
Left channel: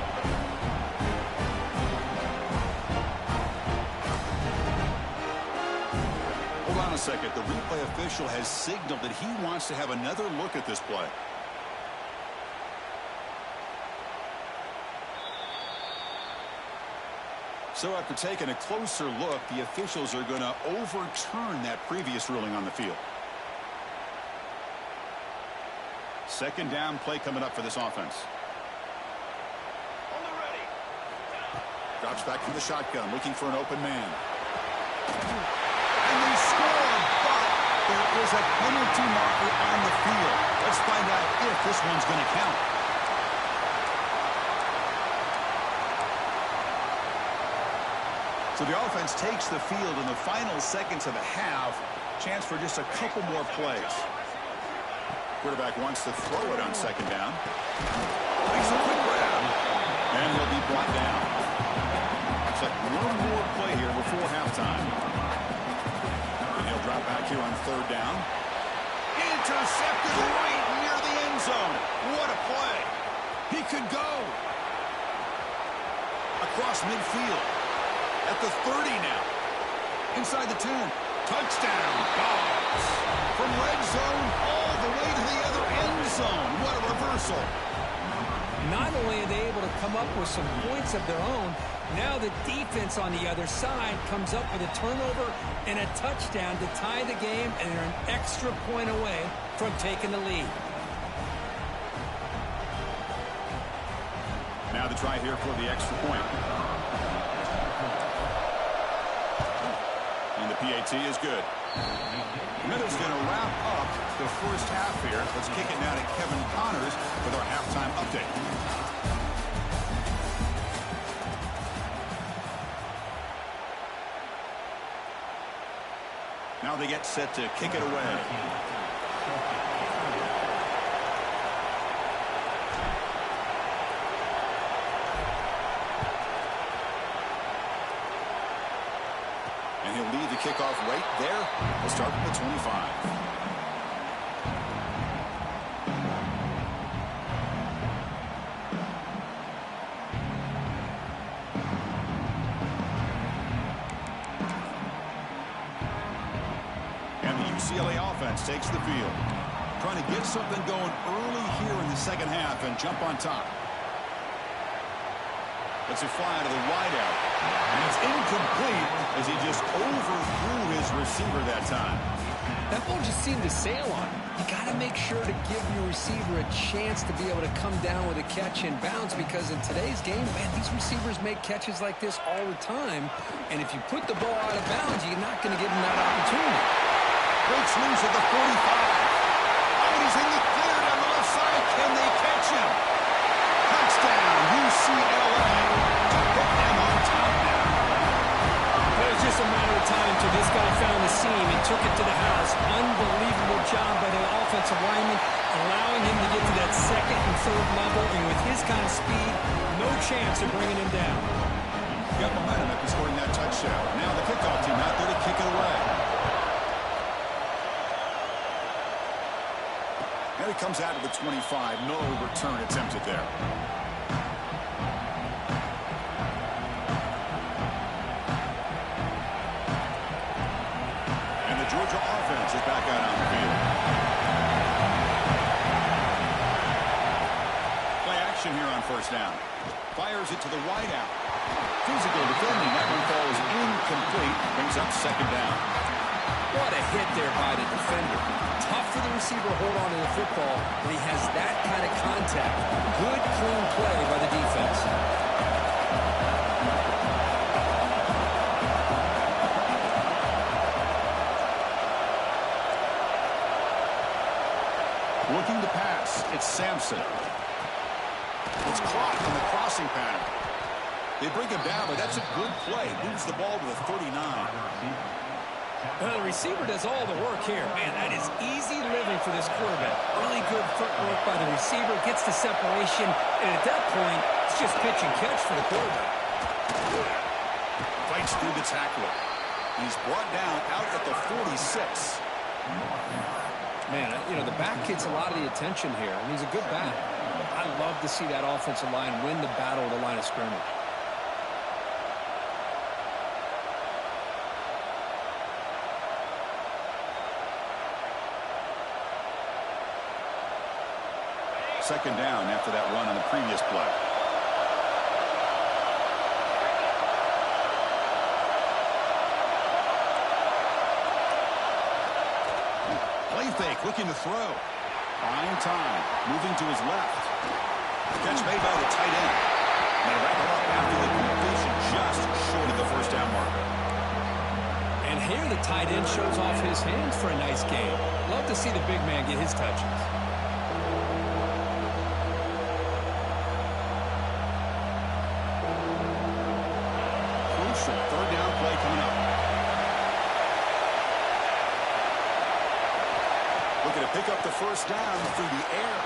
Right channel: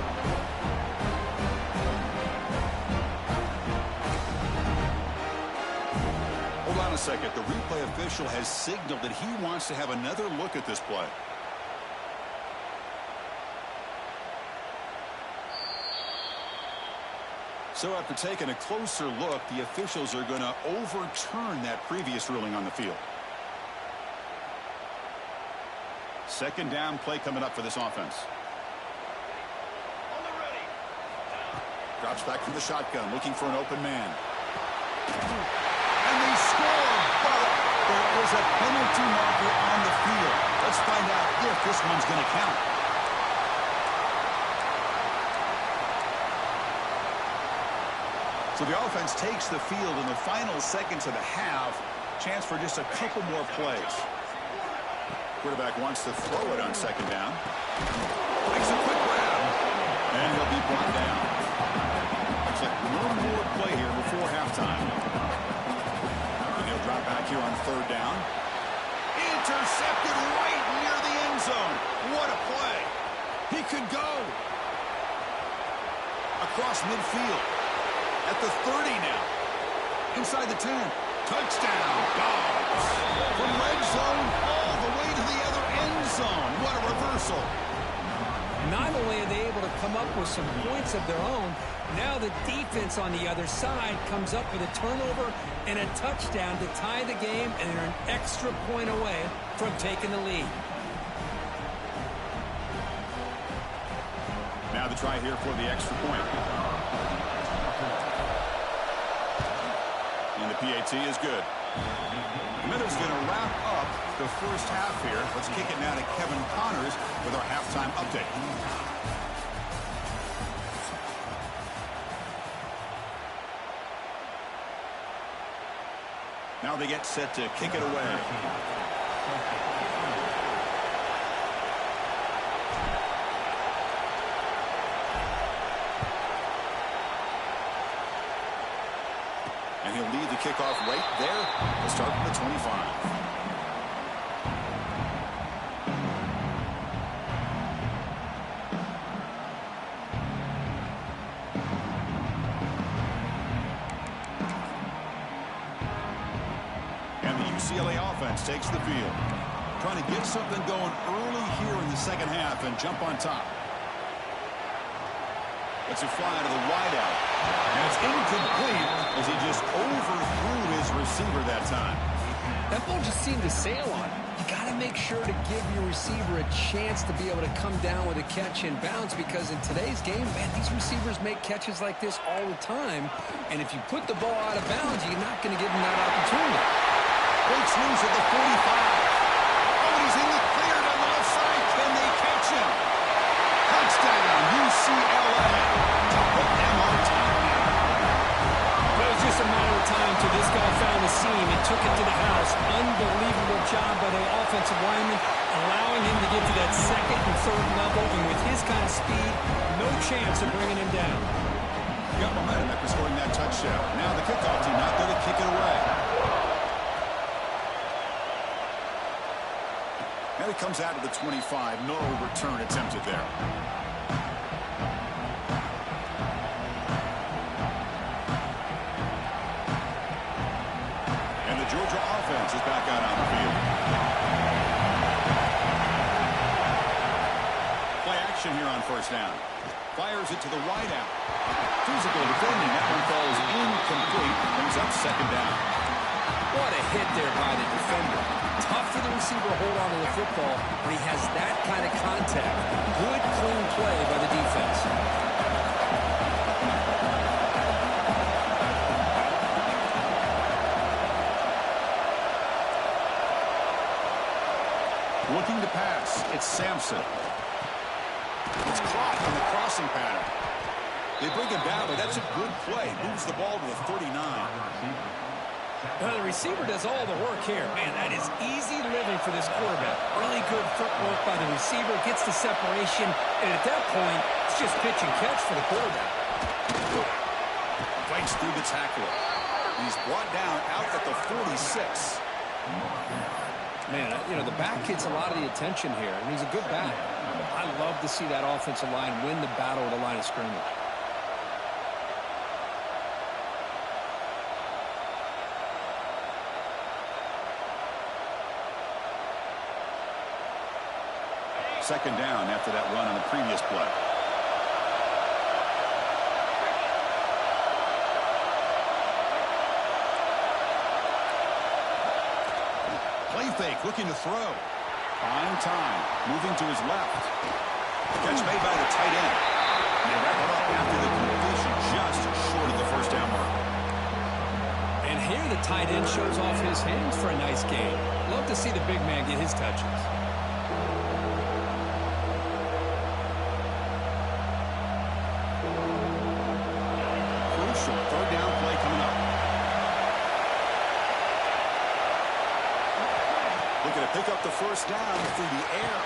Hold on a second. The replay official has signaled that he wants to have another look at this play. So after taking a closer look, the officials are going to overturn that previous ruling on the field. 2nd down play coming up for this offense. On the ready. Drops back from the shotgun, looking for an open man. And they score, but there is a penalty marker on the field. Let's find out if this one's going to count. So the offense takes the field in the final seconds of the half. Chance for just a couple more plays. Quarterback wants to throw it on 2nd down. Makes a quick grab. And he'll be brought down. Looks like one more play here before halftime. And he'll drop back here on 3rd down. Intercepted right near the end zone. What a play. He could go. Across midfield. At the 30 now. Inside the 10. Touchdown, Dogs. From red zone all the way to the other end zone. What a reversal. Not only are they able to come up with some points of their own, now the defense on the other side comes up with a turnover and a touchdown to tie the game, and they're an extra point away from taking the lead. Now the try here for the extra point. And the PAT is good. Minutes going to wrap up the first half here. Let's kick it now to Kevin Connors with our halftime update. Now they get set to kick it away. And he'll lead the kickoff right there. We'll start from the 25. And the UCLA offense takes the field. Trying to get something going early here in the second half and jump on top. Lets it fly to the wideout. And it's incomplete as he just overthrew his receiver that time. That ball just seemed to sail on him. You got to make sure to give your receiver a chance to be able to come down with a catch and bounce, because in today's game, man, these receivers make catches like this all the time. And if you put the ball out of bounds, you're not going to give them that opportunity. Breaks loose at the 45. Oh, and he's in the clear down the left side. Can they catch him? Touchdown, UCLA, to put them on top now. It was just a matter of time till this guy found the seam and took it to the house. Unbelievable job by the offensive lineman, allowing him to get to that second and third level. And with his kind of speed, no chance of bringing him down. Got momentum after scoring that touchdown. Now the kickoff team out there to kick it away. And it comes out to the 25. No return attempted there. And the Georgia offense is back out on the field. Play action here on first down. Fires it to the wideout. Physical defending. That one falls incomplete. Brings up second down. What a hit there by the defender. Tough for the receiver to hold on to the football when he has that kind of contact. Good, clean play by the defense. Looking to pass. It's Sampson. It's caught on the crossing pattern. They bring him down, but that's a good play. Moves the ball to the 39. Well, the receiver does all the work here. Man, that is easy living for this quarterback. Really good footwork by the receiver. Gets the separation. And at that point, it's just pitch and catch for the quarterback. Fights through the tackler. He's brought down out at the 46. Man, you know, the back gets a lot of the attention here. And he's a good back. I love to see that offensive line win the battle at the line of scrimmage. Second down after that run on the previous play. Play fake, looking to throw. Fine time, moving to his left. Catch made by the tight end. And they wrap it up after the completion, just short of the first down marker. And here the tight end shows off his hands for a nice game. Love to see the big man get his touches. Third down play coming up. Looking to pick up the first down through the air.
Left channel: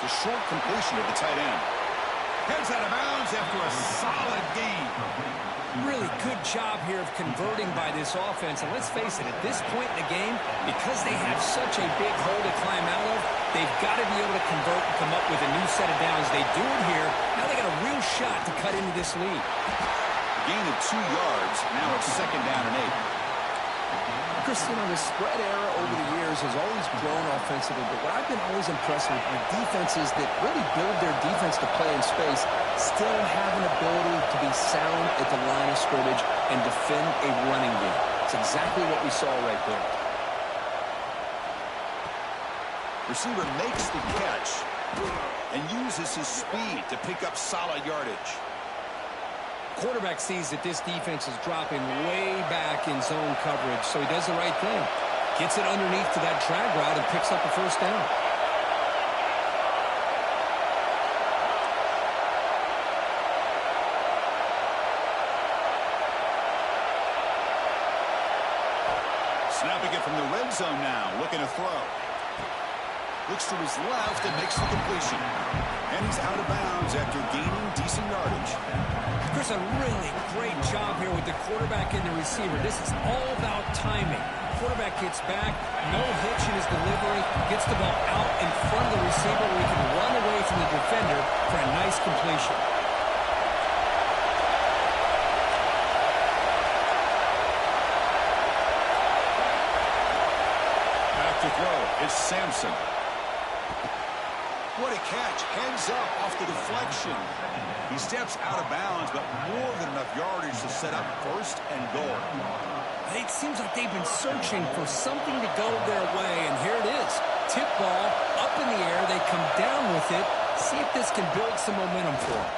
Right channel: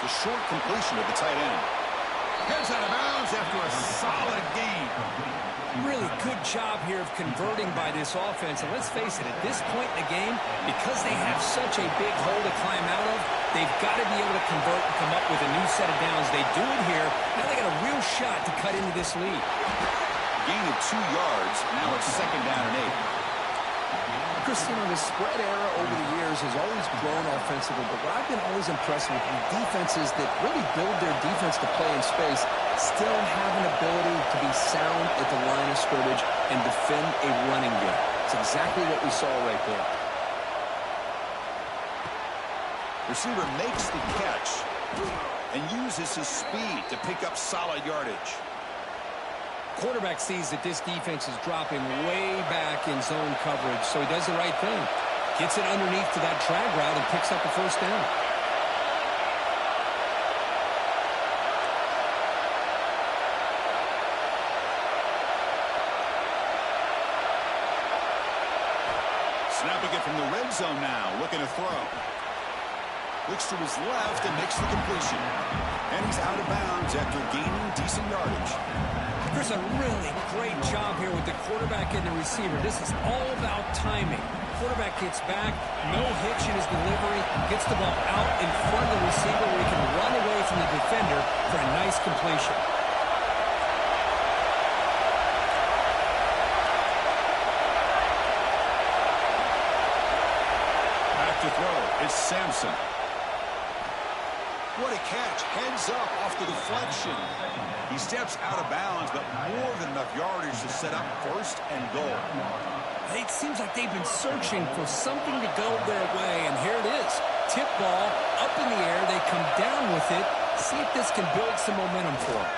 The short completion of the tight end. Heads out of bounds after a solid gain. Really good job here of converting by this offense. And let's face it, at this point in the game, because they have such a big hole to climb out of, they've got to be able to convert and come up with a new set of downs. They do it here. Now they got a real shot to cut into this lead. Gain of 2 yards. Now it's second down and 8. interest, this spread era over the years has always grown offensively, but what I've been always impressed with defenses that really build their defense to play in space still have an ability to be sound at the line of scrimmage and defend a running game. It's exactly what we saw right there. Receiver makes the catch and uses his speed to pick up solid yardage. Quarterback sees that this defense is dropping way back in zone coverage, so he does the right thing. Gets it underneath to that drag route and picks up a first down. Snapping it from the red zone now, looking to throw. Looks to his left and makes the completion. And he's out of bounds after gaining decent yardage. Chris, a really great job here with the quarterback and the receiver. This is all about timing. Quarterback gets back, no hitch in his delivery, gets the ball out in front of the receiver where he can run away from the defender for a nice completion. Back to throw. It's Sampson. What a catch. Heads up off the deflection. He steps out of bounds, but more than enough yardage to set up first and goal. It seems like they've been searching for something to go their way, and here it is. Tip ball up in the air. They come down with it. See if this can build some momentum for them.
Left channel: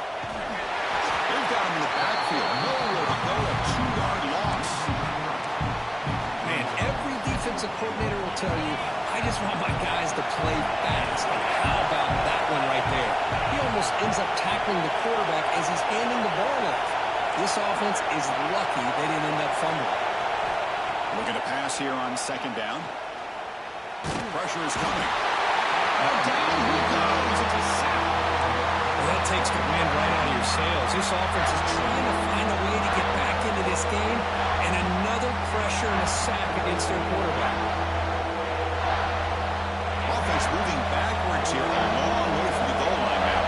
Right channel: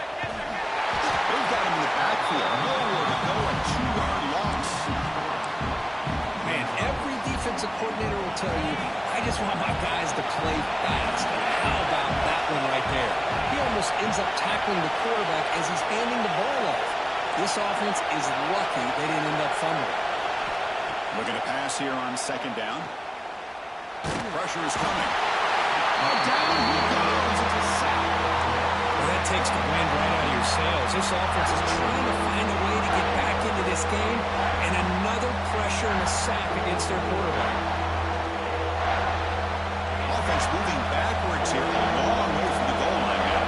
They've got him in the backfield. Nowhere to go. A 2-yard loss. Man, every defensive coordinator will tell you, I just want my guys to play fast. And how about that one right there? He almost ends up tackling the quarterback as he's handing the ball off. This offense is lucky they didn't end up fumbling. Looking to pass here on second down. Pressure is coming. Oh, down he goes. It's a sack. Well, that takes the wind right out of your sails. This offense is trying to find a way to get back into this game, and another pressure and a sack against their quarterback. Offense moving backwards here, a long way from the goal line now.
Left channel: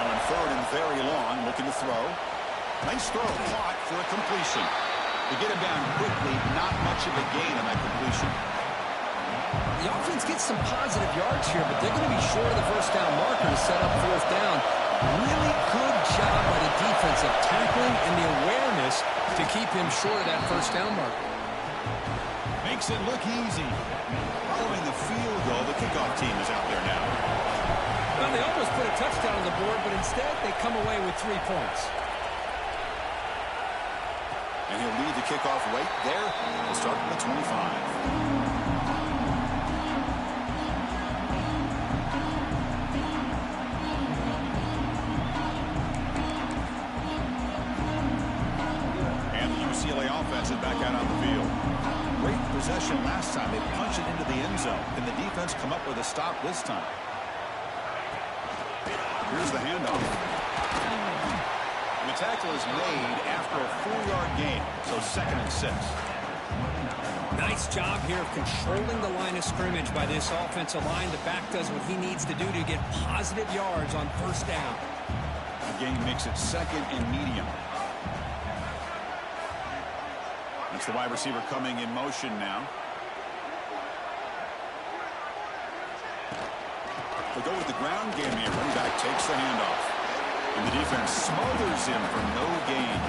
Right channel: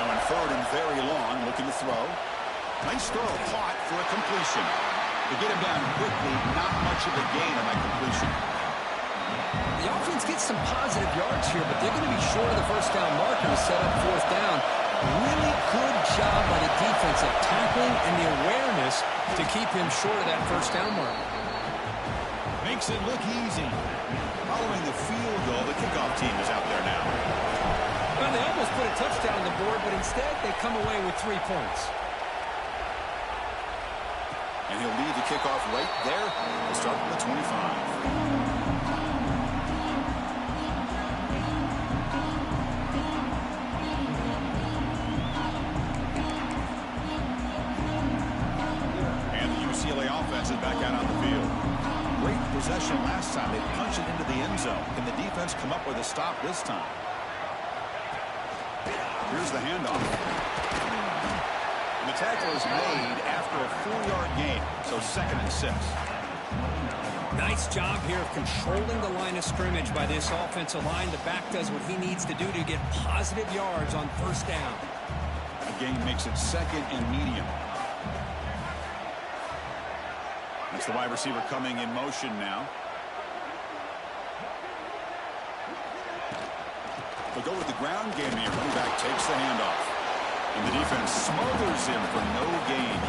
Now in third and very long, looking to throw. Nice throw, caught for a completion. To get him down quickly, not much of a gain on that completion. The offense gets some positive yards here, but they're going to be short of the first down marker to set up fourth down. Really good job by the defense of tackling and the awareness to keep him short of that first down marker. Makes it look easy. Following the field goal, the kickoff team is out there now. Well, they almost put a touchdown on the board, but instead they come away with 3 points. And he'll lead the kickoff right there. We'll start at the 25. UCLA offense is back out on the field. Great possession last time. They punched it into the end zone. Can the defense come up with a stop this time? Here's the handoff. And the tackle is made after a 4-yard gain, so 2nd and 6. Nice job here of controlling the line of scrimmage by this offensive line. The back does what he needs to do to get positive yards on first down. The game makes it 2nd and medium. That's the wide receiver coming in motion now. They'll go with the ground game here. Running back takes the handoff. And the defense smothers him for no gain.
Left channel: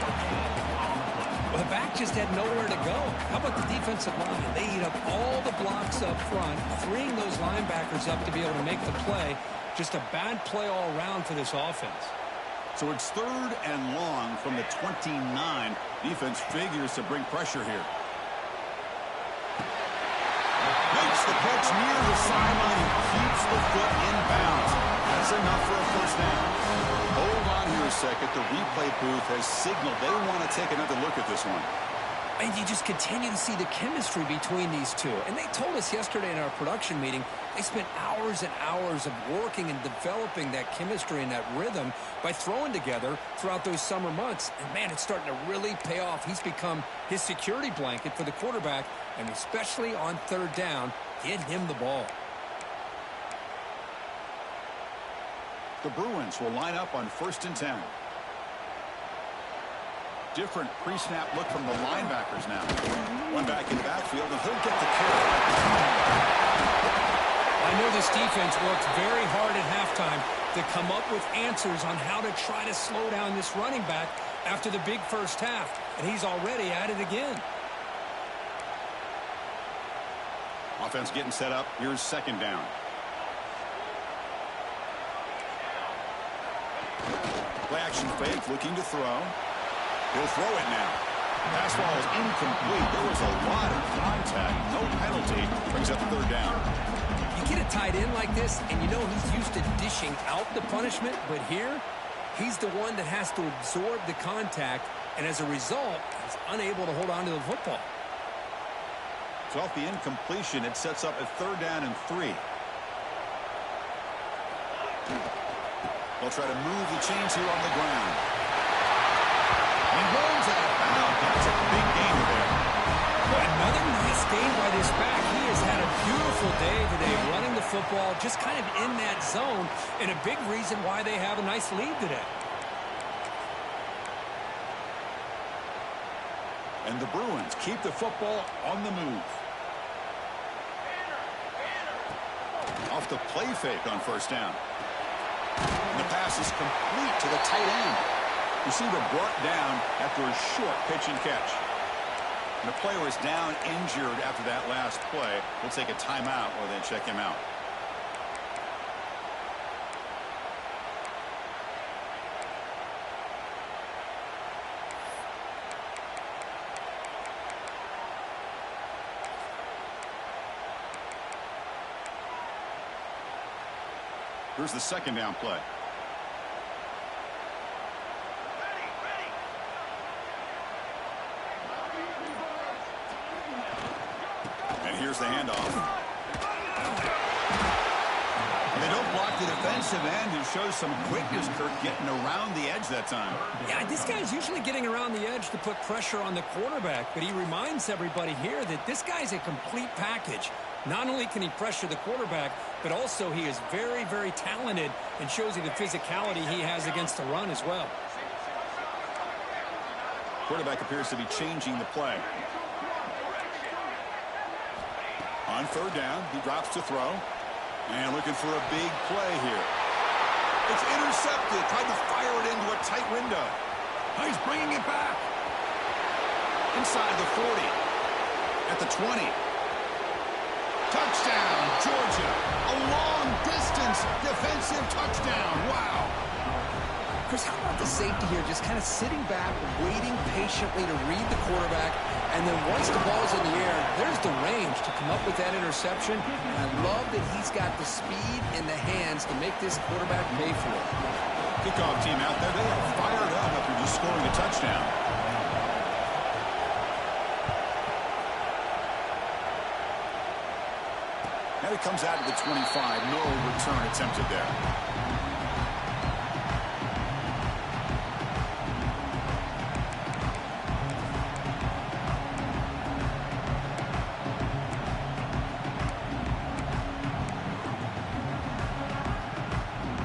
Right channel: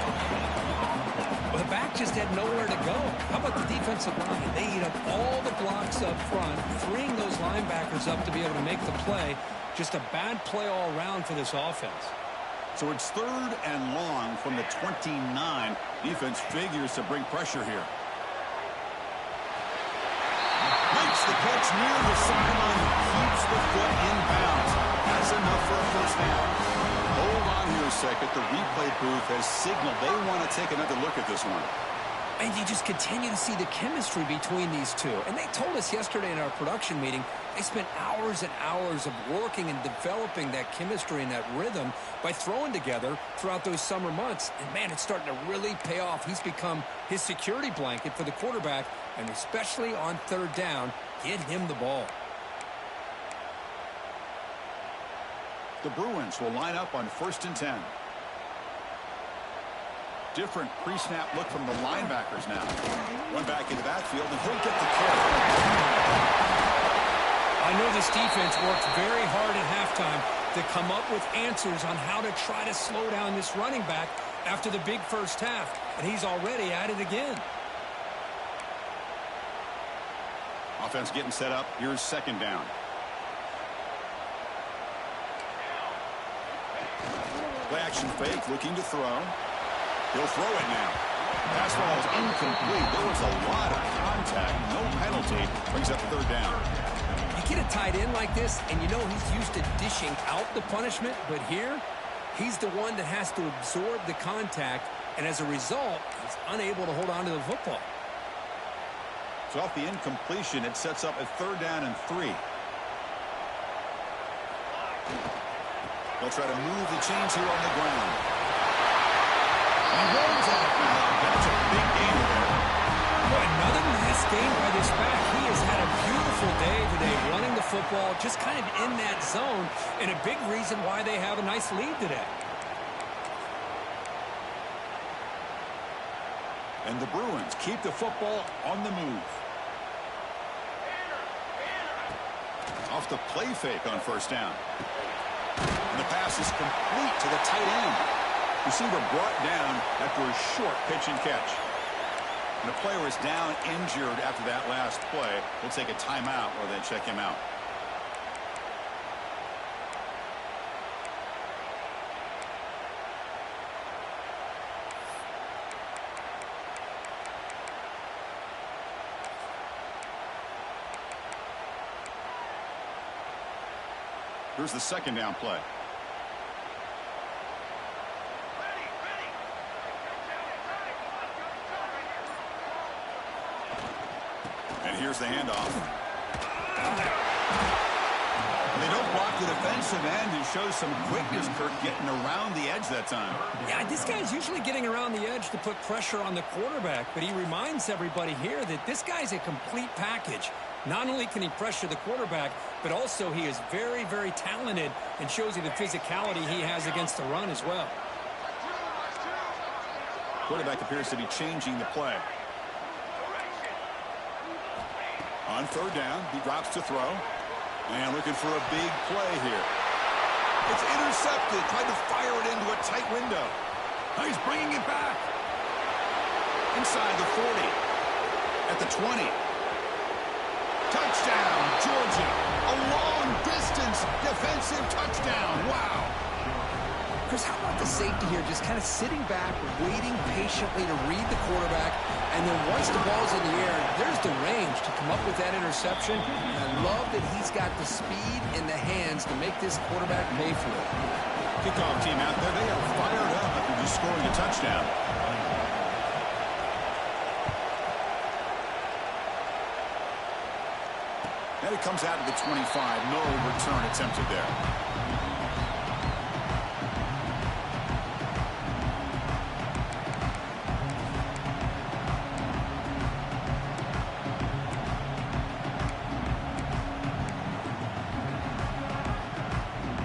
Well, the back just had nowhere to go. How about the defensive line? They eat up all the blocks up front, freeing those linebackers up to be able to make the play. Just a bad play all around for this offense. So it's 3rd and long from the 29. Defense figures to bring pressure here. Makes the catch near the sideline and keeps the foot in bounds. That's enough for a first down. Hold on here a second. The replay booth has signaled they want to take another look at this one. And you just continue to see the chemistry between these two. And they told us yesterday in our production meeting, they spent hours and hours of working and developing that chemistry and that rhythm by throwing together throughout those summer months. And, man, it's starting to really pay off. He's become his security blanket for the quarterback, and especially on 3rd down, get him the ball. The Bruins will line up on 1st and 10. different pre-snap look from the linebackers now. One back in the backfield, and he'll get the carry. I know this defense worked very hard at halftime to come up with answers on how to try to slow down this running back after the big first half, and he's already at it again. Offense getting set up. Here's second down. Play action fake, looking to throw. He'll throw it now. Pass ball is incomplete. There was a lot of contact. No penalty. Brings up third down. You get a tight end like this, and you know he's used to dishing out the punishment, but here, he's the one that has to absorb the contact, and as a result, he's unable to hold on to the football. So off the incompletion, it sets up a third down and 3. They'll try to move the chains here on the ground. And he runs out of bounds. That's a big gainer there. Well, another nice gain by this back. He has had a beautiful day today running the football, just kind of in that zone, and a big reason why they have a nice lead today. And the Bruins keep the football on the move. Off the play fake on first down. And the pass is complete to the tight end. Receiver brought down after a short pitch and catch. And the player is down injured after that last play. We'll take a timeout while they check him out. Here's the second down play. And here's the handoff. They don't block the defensive end and shows some quickness, Kirk, getting around the edge that time. Yeah, this guy's usually getting around the edge to put pressure on the quarterback, but he reminds everybody here that this guy's a complete package. Not only can he pressure the quarterback, but also he is very, very talented and shows you the physicality he has against the run as well. Quarterback appears to be changing the play. On third down, he drops to throw. And looking for a big play here. It's intercepted. Tried to fire it into a tight window. Now he's bringing it back. Inside the 40. At the 20. Touchdown, Georgia. A long-distance defensive touchdown. Wow. Chris, how about the safety here just kind of sitting back, waiting patiently to read the quarterback, and then once the ball's in the air, there's the range to come up with that interception. And I love that he's got the speed in the hands to make this quarterback pay for it. Kickoff team out there, they are fired up after just scoring a touchdown. And it comes out to the 25. No return attempted there.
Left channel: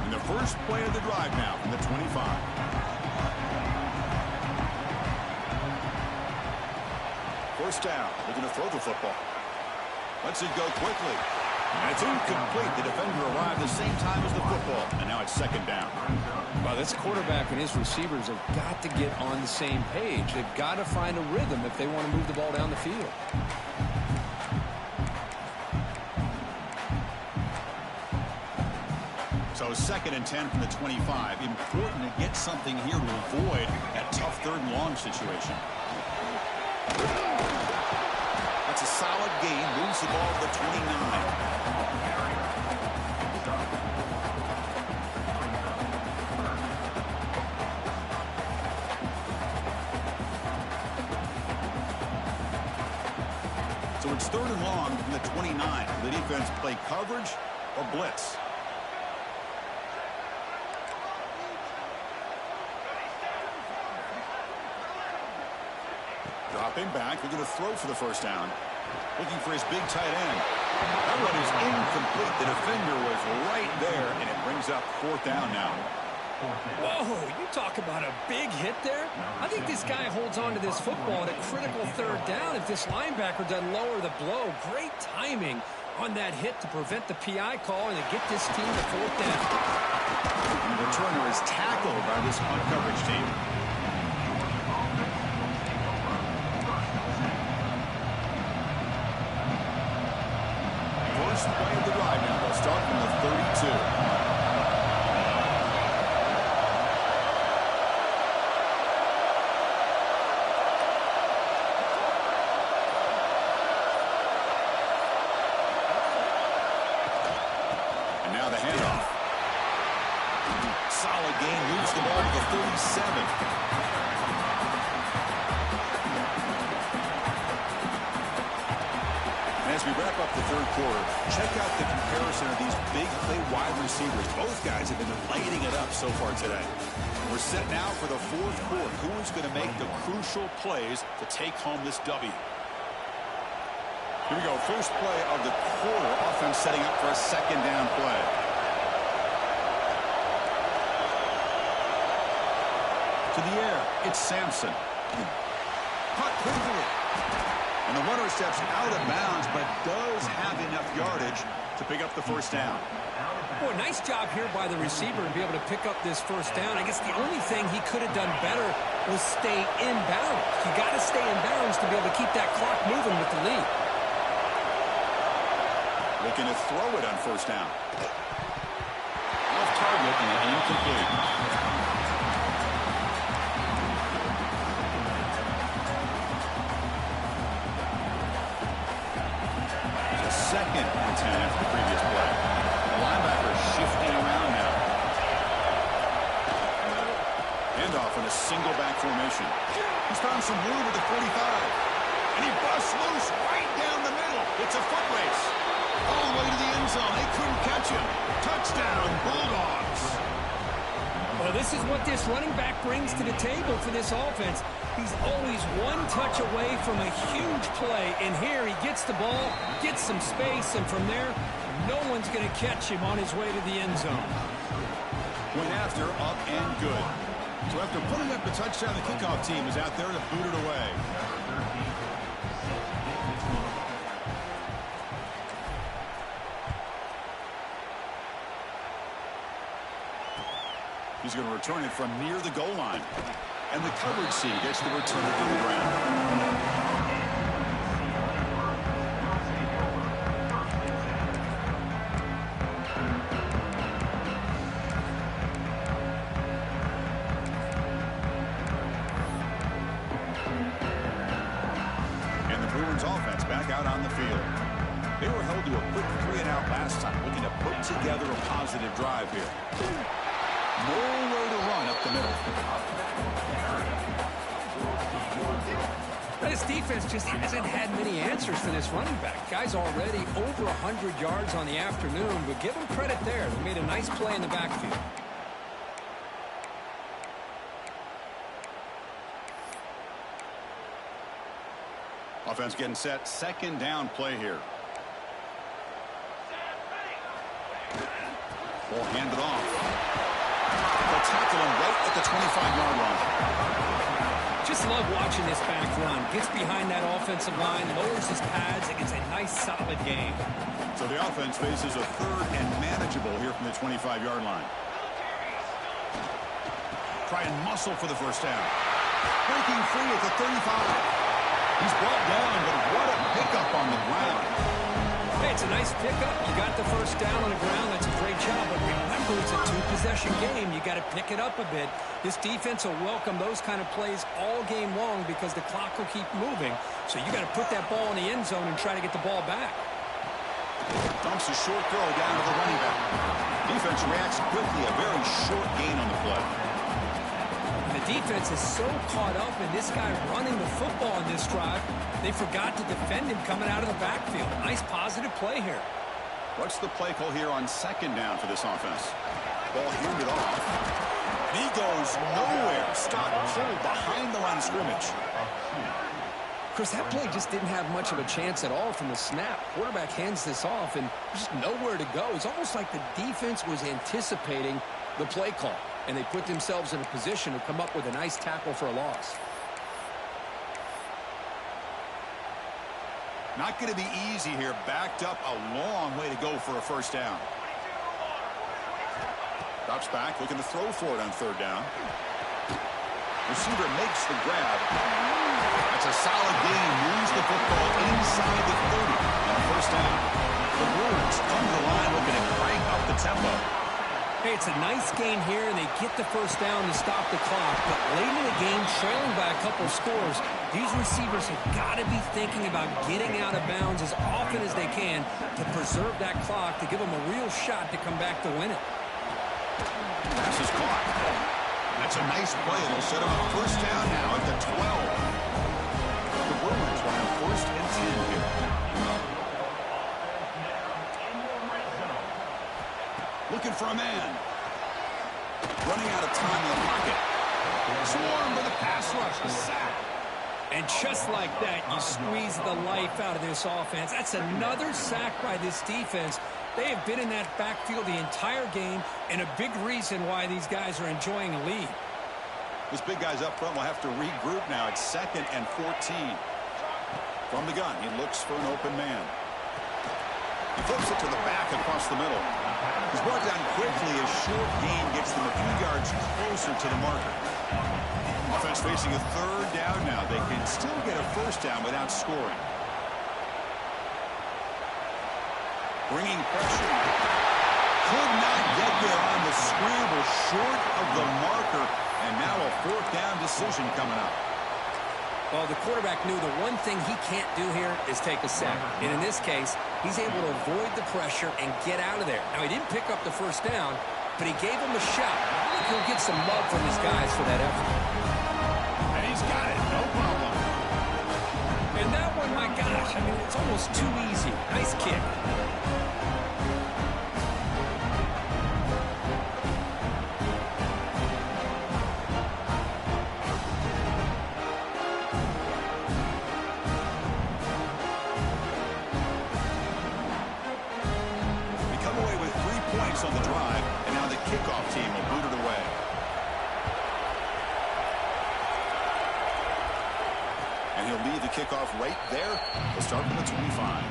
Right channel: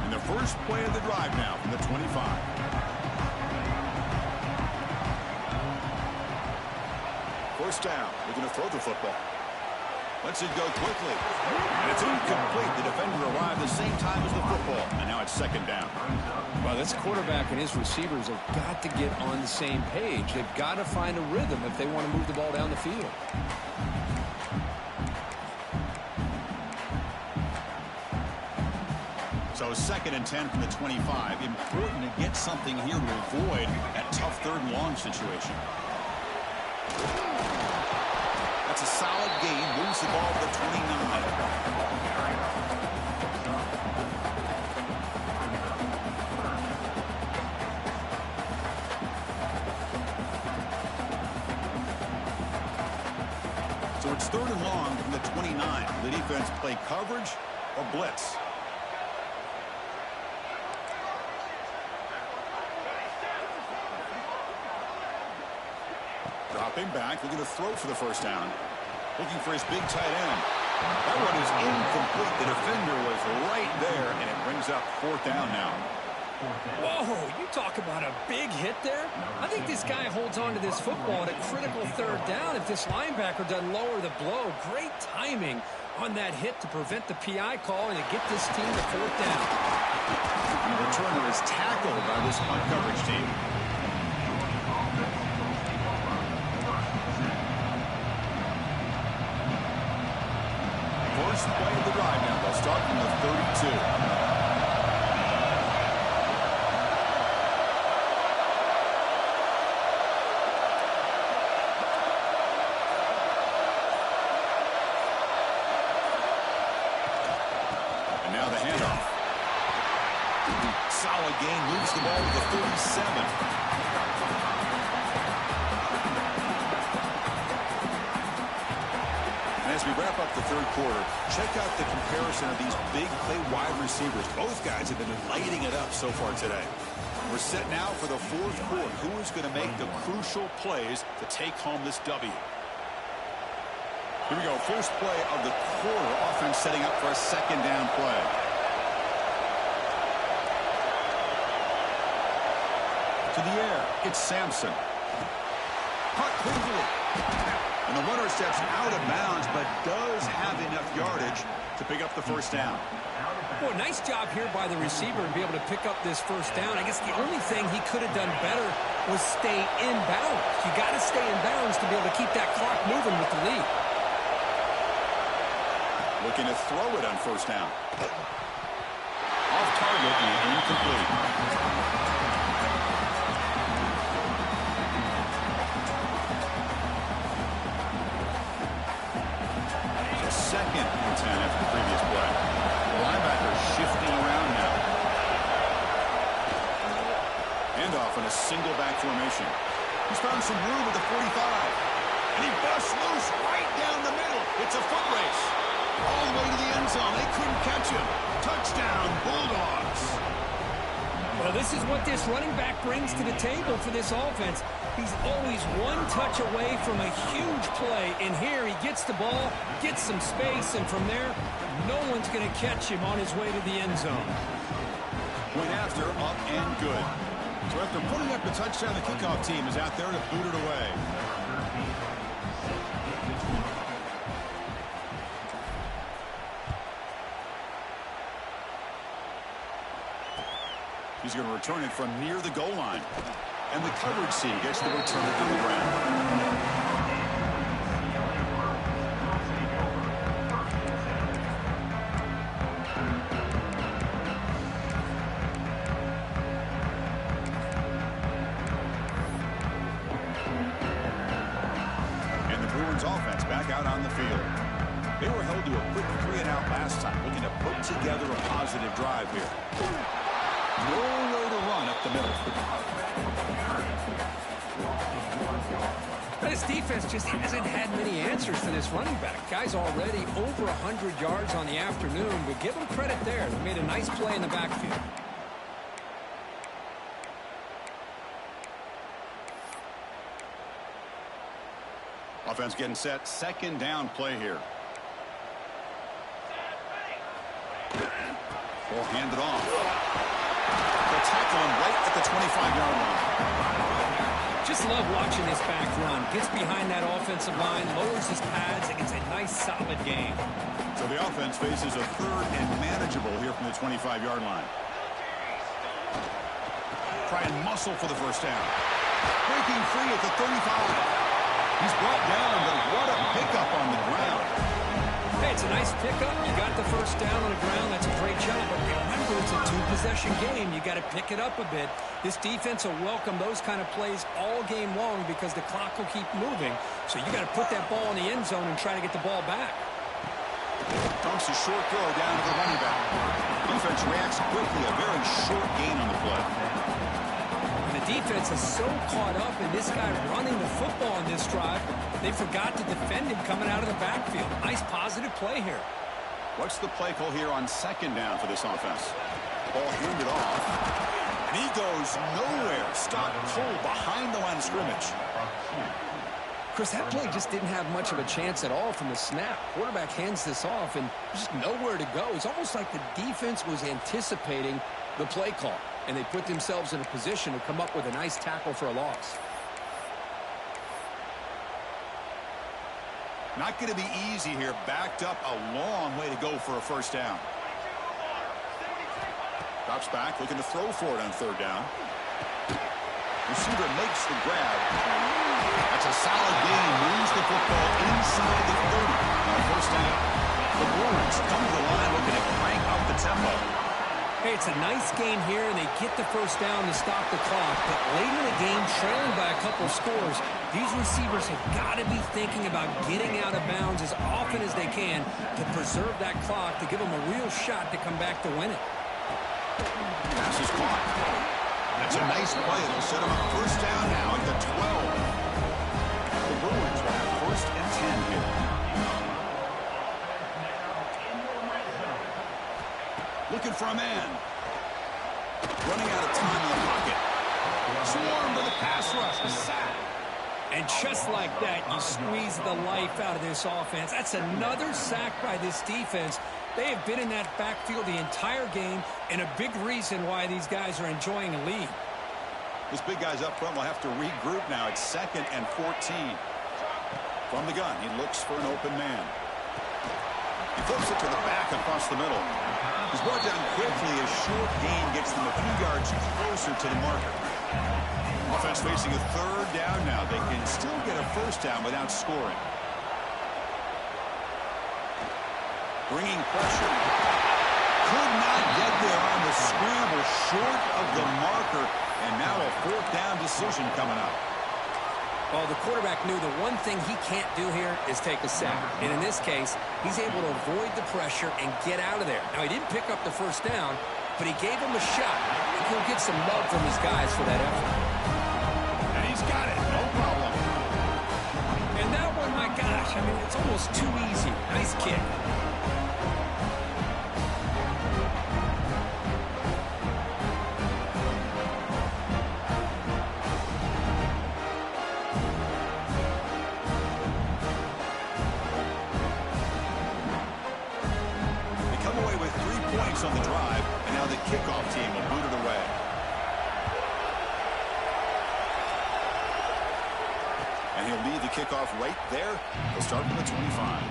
And the first play of the drive now from the 25. First down. Looking to throw the football. Lets it go quickly. And it's incomplete. The defender arrived the same time as the football. And now it's second down. Well, this quarterback and his receivers have got to get on the same page. They've got to find a rhythm if they want to move the ball down the field. So second and 10 from the 25. Important to get something here to avoid that tough third and long situation. That's a solid gain. Moves the ball to the 29. So it's third and long from the 29. The defense play coverage or blitz. Dropping back, looking to throw for the first down. Looking for his big tight end. That one is incomplete. The defender was right there, and it brings up fourth down now. Whoa, you talk about a big hit there. I think this guy holds on to this football at a critical third down if this linebacker doesn't lower the blow. Great timing on that hit to prevent the PI call and to get this team to fourth down. The returner is tackled by this punt coverage team. First play of the drive now. They'll start from the 32. Now the handoff. Solid gain, moves the ball to the 37. And as we wrap up the third quarter, check out the comparison of these big play wide receivers. Both guys have been lighting it up so far today. We're set now for the fourth quarter. Who is going to make the crucial plays to take home this W? Here we go, first play of the quarter. Offense setting up for a second down play. To the air, it's Sampson. Caught quickly. And the runner steps out of bounds, but does have enough yardage to pick up the first down. Boy, nice job here by the receiver and be able to pick up this first down. I guess the only thing he could have done better was stay in bounds. You got to stay in bounds to be able to keep that clock moving with the lead. Looking to throw it on first down. Off target and incomplete. So 2nd and 10 after the previous play. The linebacker shifting around now. Handoff in a single back formation. He's found some room at the 45. And he busts loose right down the middle. It's a foot race. All the way to the end zone. They couldn't catch him. Touchdown, Bulldogs. Well, this is what this running back brings to the table for this offense. He's always one touch away from a huge play. And here he gets the ball, gets some space, and from there, no one's going to catch him on his way to the end zone. Point after, up and good. So after putting up the touchdown, the kickoff team is out there to boot it away. He's going to return it from near the goal line. And the coverage team gets the return on the ground. And the Bruins offense back out on the field. They were held to a quick 3-and-out last time, looking to put together a positive drive here. Nowhere to run up the middle. This defense just hasn't had many answers to this running back. Guy's already over 100 yards on the afternoon, but give them credit there. They made a nice play in the backfield. Offense getting set. Second down play here. Ball handed off. They'll tackle him right at the 25-yard line. Just love watching this back run. Gets behind that offensive line, lowers his pads, and gets a nice solid gain. So the offense faces a third and manageable here from the 25-yard line. Try and muscle for the first down. Breaking free at the 35. He's brought down, but what a pickup on the ground. Hey, it's a nice pickup. You got the first down on the ground. That's a great job. But remember, it's a two-possession game. You got to pick it up a bit. This defense will welcome those kind of plays all game long because the clock will keep moving. So you got to put that ball in the end zone and try to get the ball back. Dumps a short throw down to the running back. Defense reacts quickly. A very short gain on the play. And the defense is so caught up in this guy running the football on this drive, they forgot to defend him coming out of the backfield. Nice positive play here. What's the play call here on second down for this offense? Ball handed off. And he goes nowhere. Stop pull behind the line of scrimmage. Chris, that play just didn't have much of a chance at all from the snap. Quarterback hands this off and just nowhere to go. It's almost like the defense was anticipating the play call. and they put themselves in a position to come up with a nice tackle for a loss. Not going to be easy here. Backed up a long way to go for a first down. Drops back, looking to throw for it on third down. Receiver makes the grab. That's a solid gain. Moves the football inside the 30 on a first down. The Bruins come to the line looking to crank up the tempo. Hey, it's a nice gain here, and they get the first down to stop the clock. But late in the game, trailing by a couple scores, these receivers have got to be thinking about getting out of bounds as often as they can to preserve that clock, to give them a real shot to come back to win it. Pass is caught. That's a nice play. It'll set them up first down now at the 12. The Bruins will have first and 10 here. Looking for a man. Running out of time in the pocket. Swarm with a pass rush. A sack. And just like that, you squeeze the life out of this offense. That's another sack by this defense. They have been in that backfield the entire game, and a big reason why these guys are enjoying a lead. Those big guys up front will have to regroup now. It's 2nd and 14. From the gun, he looks for an open man. He flips it to the back across the middle. He's brought down quickly. A short gain gets them a few yards closer to the marker. Offense facing a third down now. They can still get a first down without scoring. Bringing pressure. Could not get there on the scramble, short of the marker. And now a fourth down decision coming up. Well, the quarterback knew the one thing he can't do here is take a sack. And in this case, he's able to avoid the pressure and get out of there. Now, he didn't pick up the first down, but he gave him a shot. I think he'll get some love from his guys for that effort. And he's got it. No problem. And that one, my gosh, I mean, it's almost too easy. Nice kick. On the drive, and now the kickoff team will boot it away. And he'll lead the kickoff right there. He'll start from the 25.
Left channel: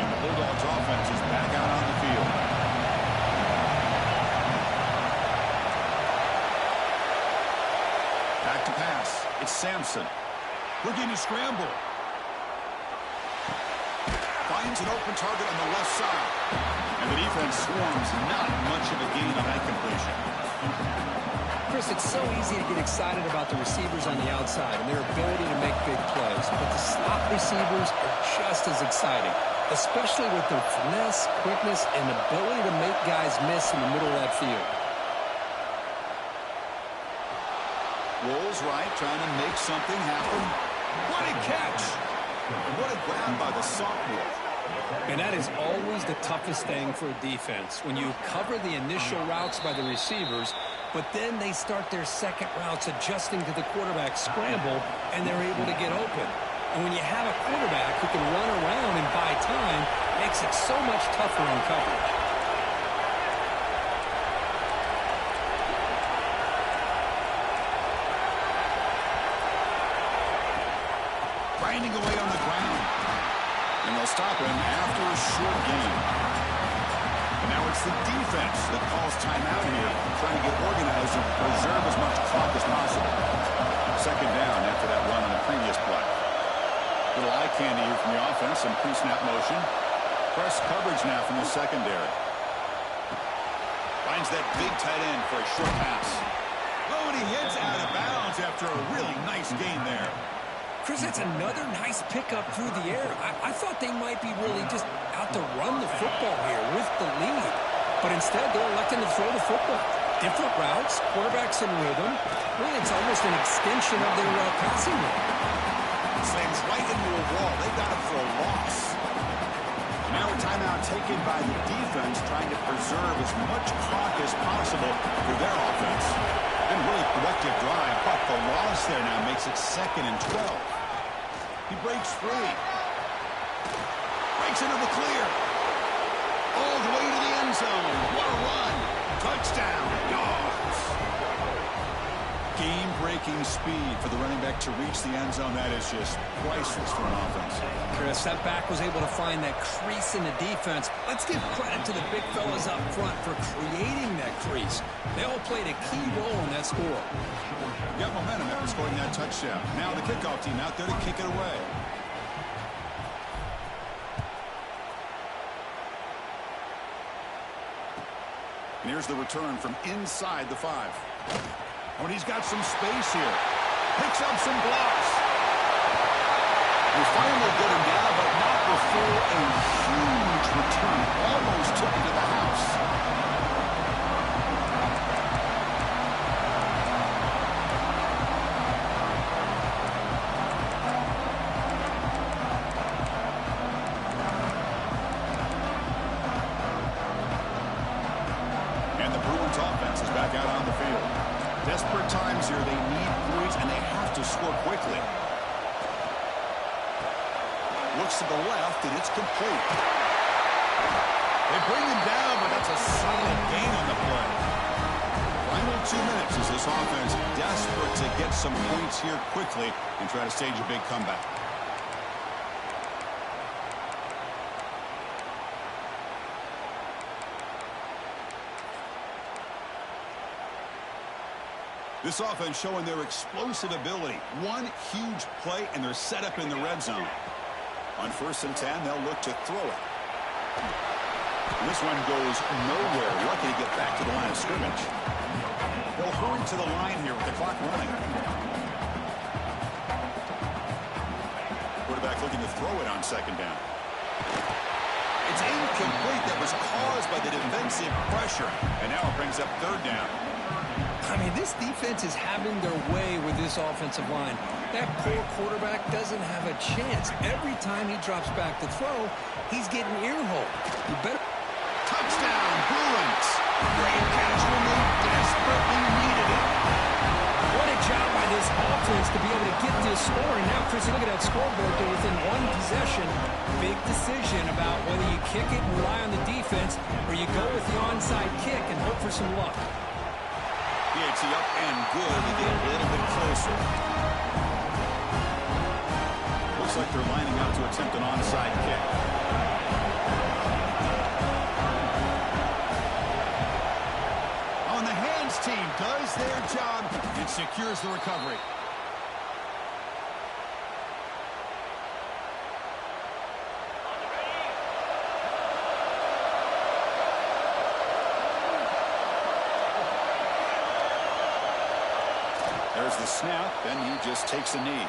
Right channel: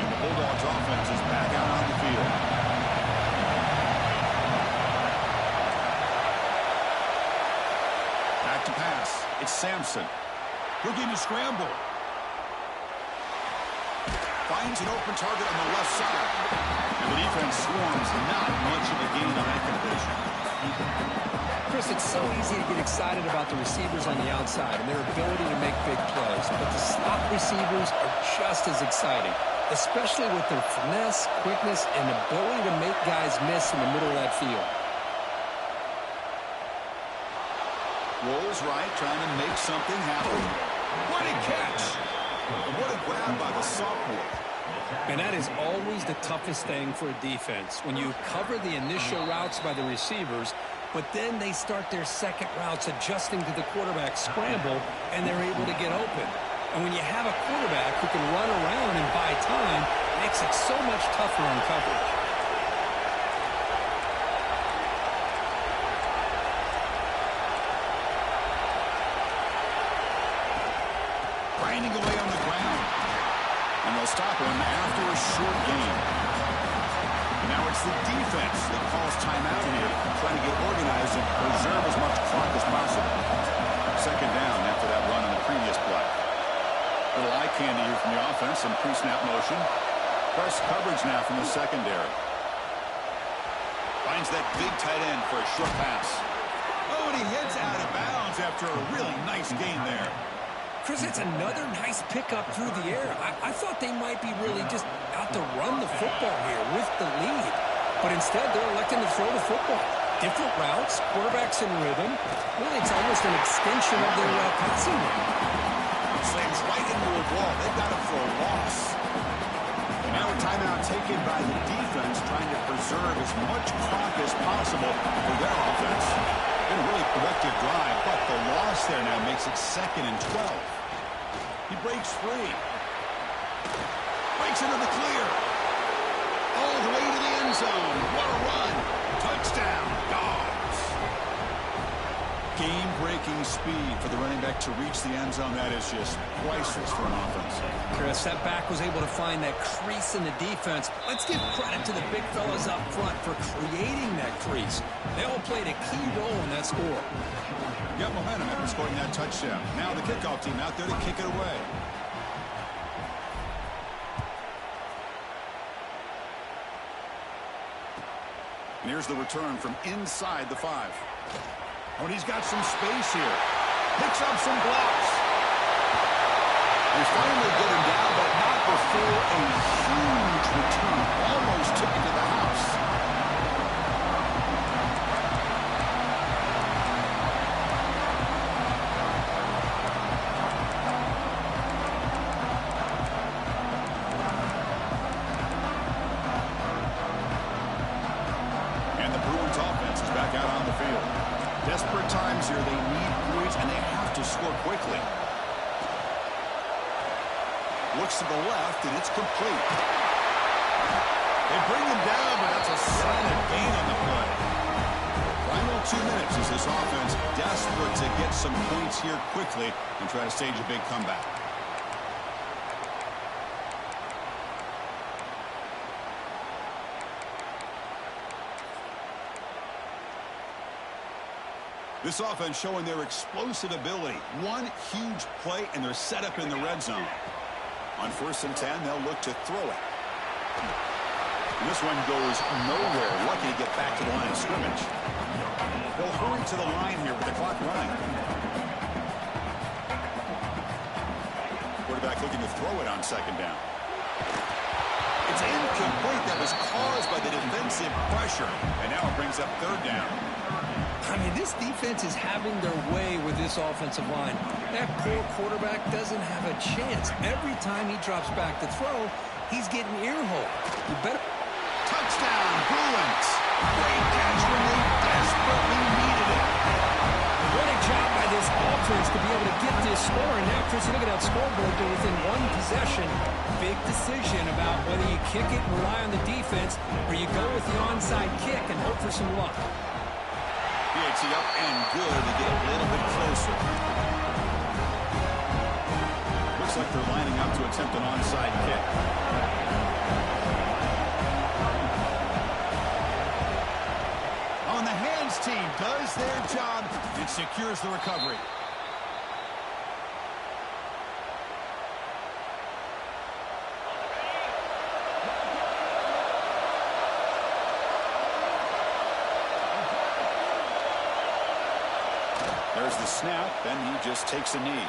And the Bulldogs offense is back out on the field. Back to pass. It's Sampson. Looking to scramble. Finds an open target on the left side. And the defense swarms. Not much of a gain on that completion. Chris, it's so easy to get excited about the receivers on the outside and their ability to make big plays. But the slot receivers are just as exciting, especially with their finesse, quickness, and ability to make guys miss in the middle of that field. Rolls right, trying to make something happen. What a catch! And what a grab by the sophomore. And that is always the toughest thing for a defense. When you cover the initial routes by the receivers, but then they start their second routes adjusting to the quarterback scramble, and they're able to get open. And when you have a quarterback who can run around and buy time, it makes it so much tougher on coverage. Grinding away on the ground. And they'll stop him after a short gain. And now it's the defense that calls timeout here, trying to get organized and preserve as much clock as possible. Second down after that run on the previous play. Little eye candy here from the offense and pre-snap motion. Press coverage now from the secondary. Finds that big tight end for a short pass. Oh, and he hits out of bounds after a really nice gain there. Chris, that's another nice pickup through the air. I thought they might be really just out to run the football here with the lead. But instead, they're electing to throw the football. Different routes, quarterbacks in rhythm. Really, it's almost an extension of their passing game. Slams right into a wall. They've got him for a loss. And now a timeout taken by the defense, trying to preserve as much clock as possible for their offense. Been a really productive drive, but the loss there now makes it 2nd and 12. He breaks free. Breaks into the clear. All the way to the end zone. What a run. Touchdown, Dogs. Game-breaking speed for the running back to reach the end zone. That is just priceless for an offense. Chris, that back was able to find that crease in the defense. Let's give credit to the big fellas up front for creating that crease. They all played a key role in that score. Got momentum after scoring that touchdown. Now the kickoff team out there to kick it away. And here's the return from inside the 5. Oh, and he's got some space here. Picks up some blocks. They finally get him down, but not before a huge return. Almost took him to the house. Offense is back out on the field. Desperate times here. They need points, and they have to score quickly. Looks to the left, and it's complete. They bring him down, but that's a solid gain on the play. Final 2 minutes as this offense desperate to get some points here quickly and try to stage a big comeback. This offense showing their explosive ability. One huge play, and they're set up in the red zone. On 1st and 10, they'll look to throw it. And this one goes nowhere. Lucky to get back to the line of scrimmage. They'll hurry to the line here with the clock running. Quarterback looking to throw it on 2nd down. It's incomplete. That was caused by the defensive pressure. And now it brings up 3rd down. I mean, this defense is having their way with this offensive line. That poor quarterback doesn't have a chance. Every time he drops back to throw, he's getting ear-hole. You better... Touchdown, Bruins. Great catch when they desperately needed it. What a job by this offense to be able to get this score. And now, Chris, you look at that scoreboard. They're within 1 possession. Big decision about whether you kick it and rely on the defense or you go with the onside kick and hope for some luck. PAT up and good to get a little bit closer. Looks like they're lining up to attempt an onside kick. On the hands team does their job and secures the recovery. There's the snap, and he just takes a knee.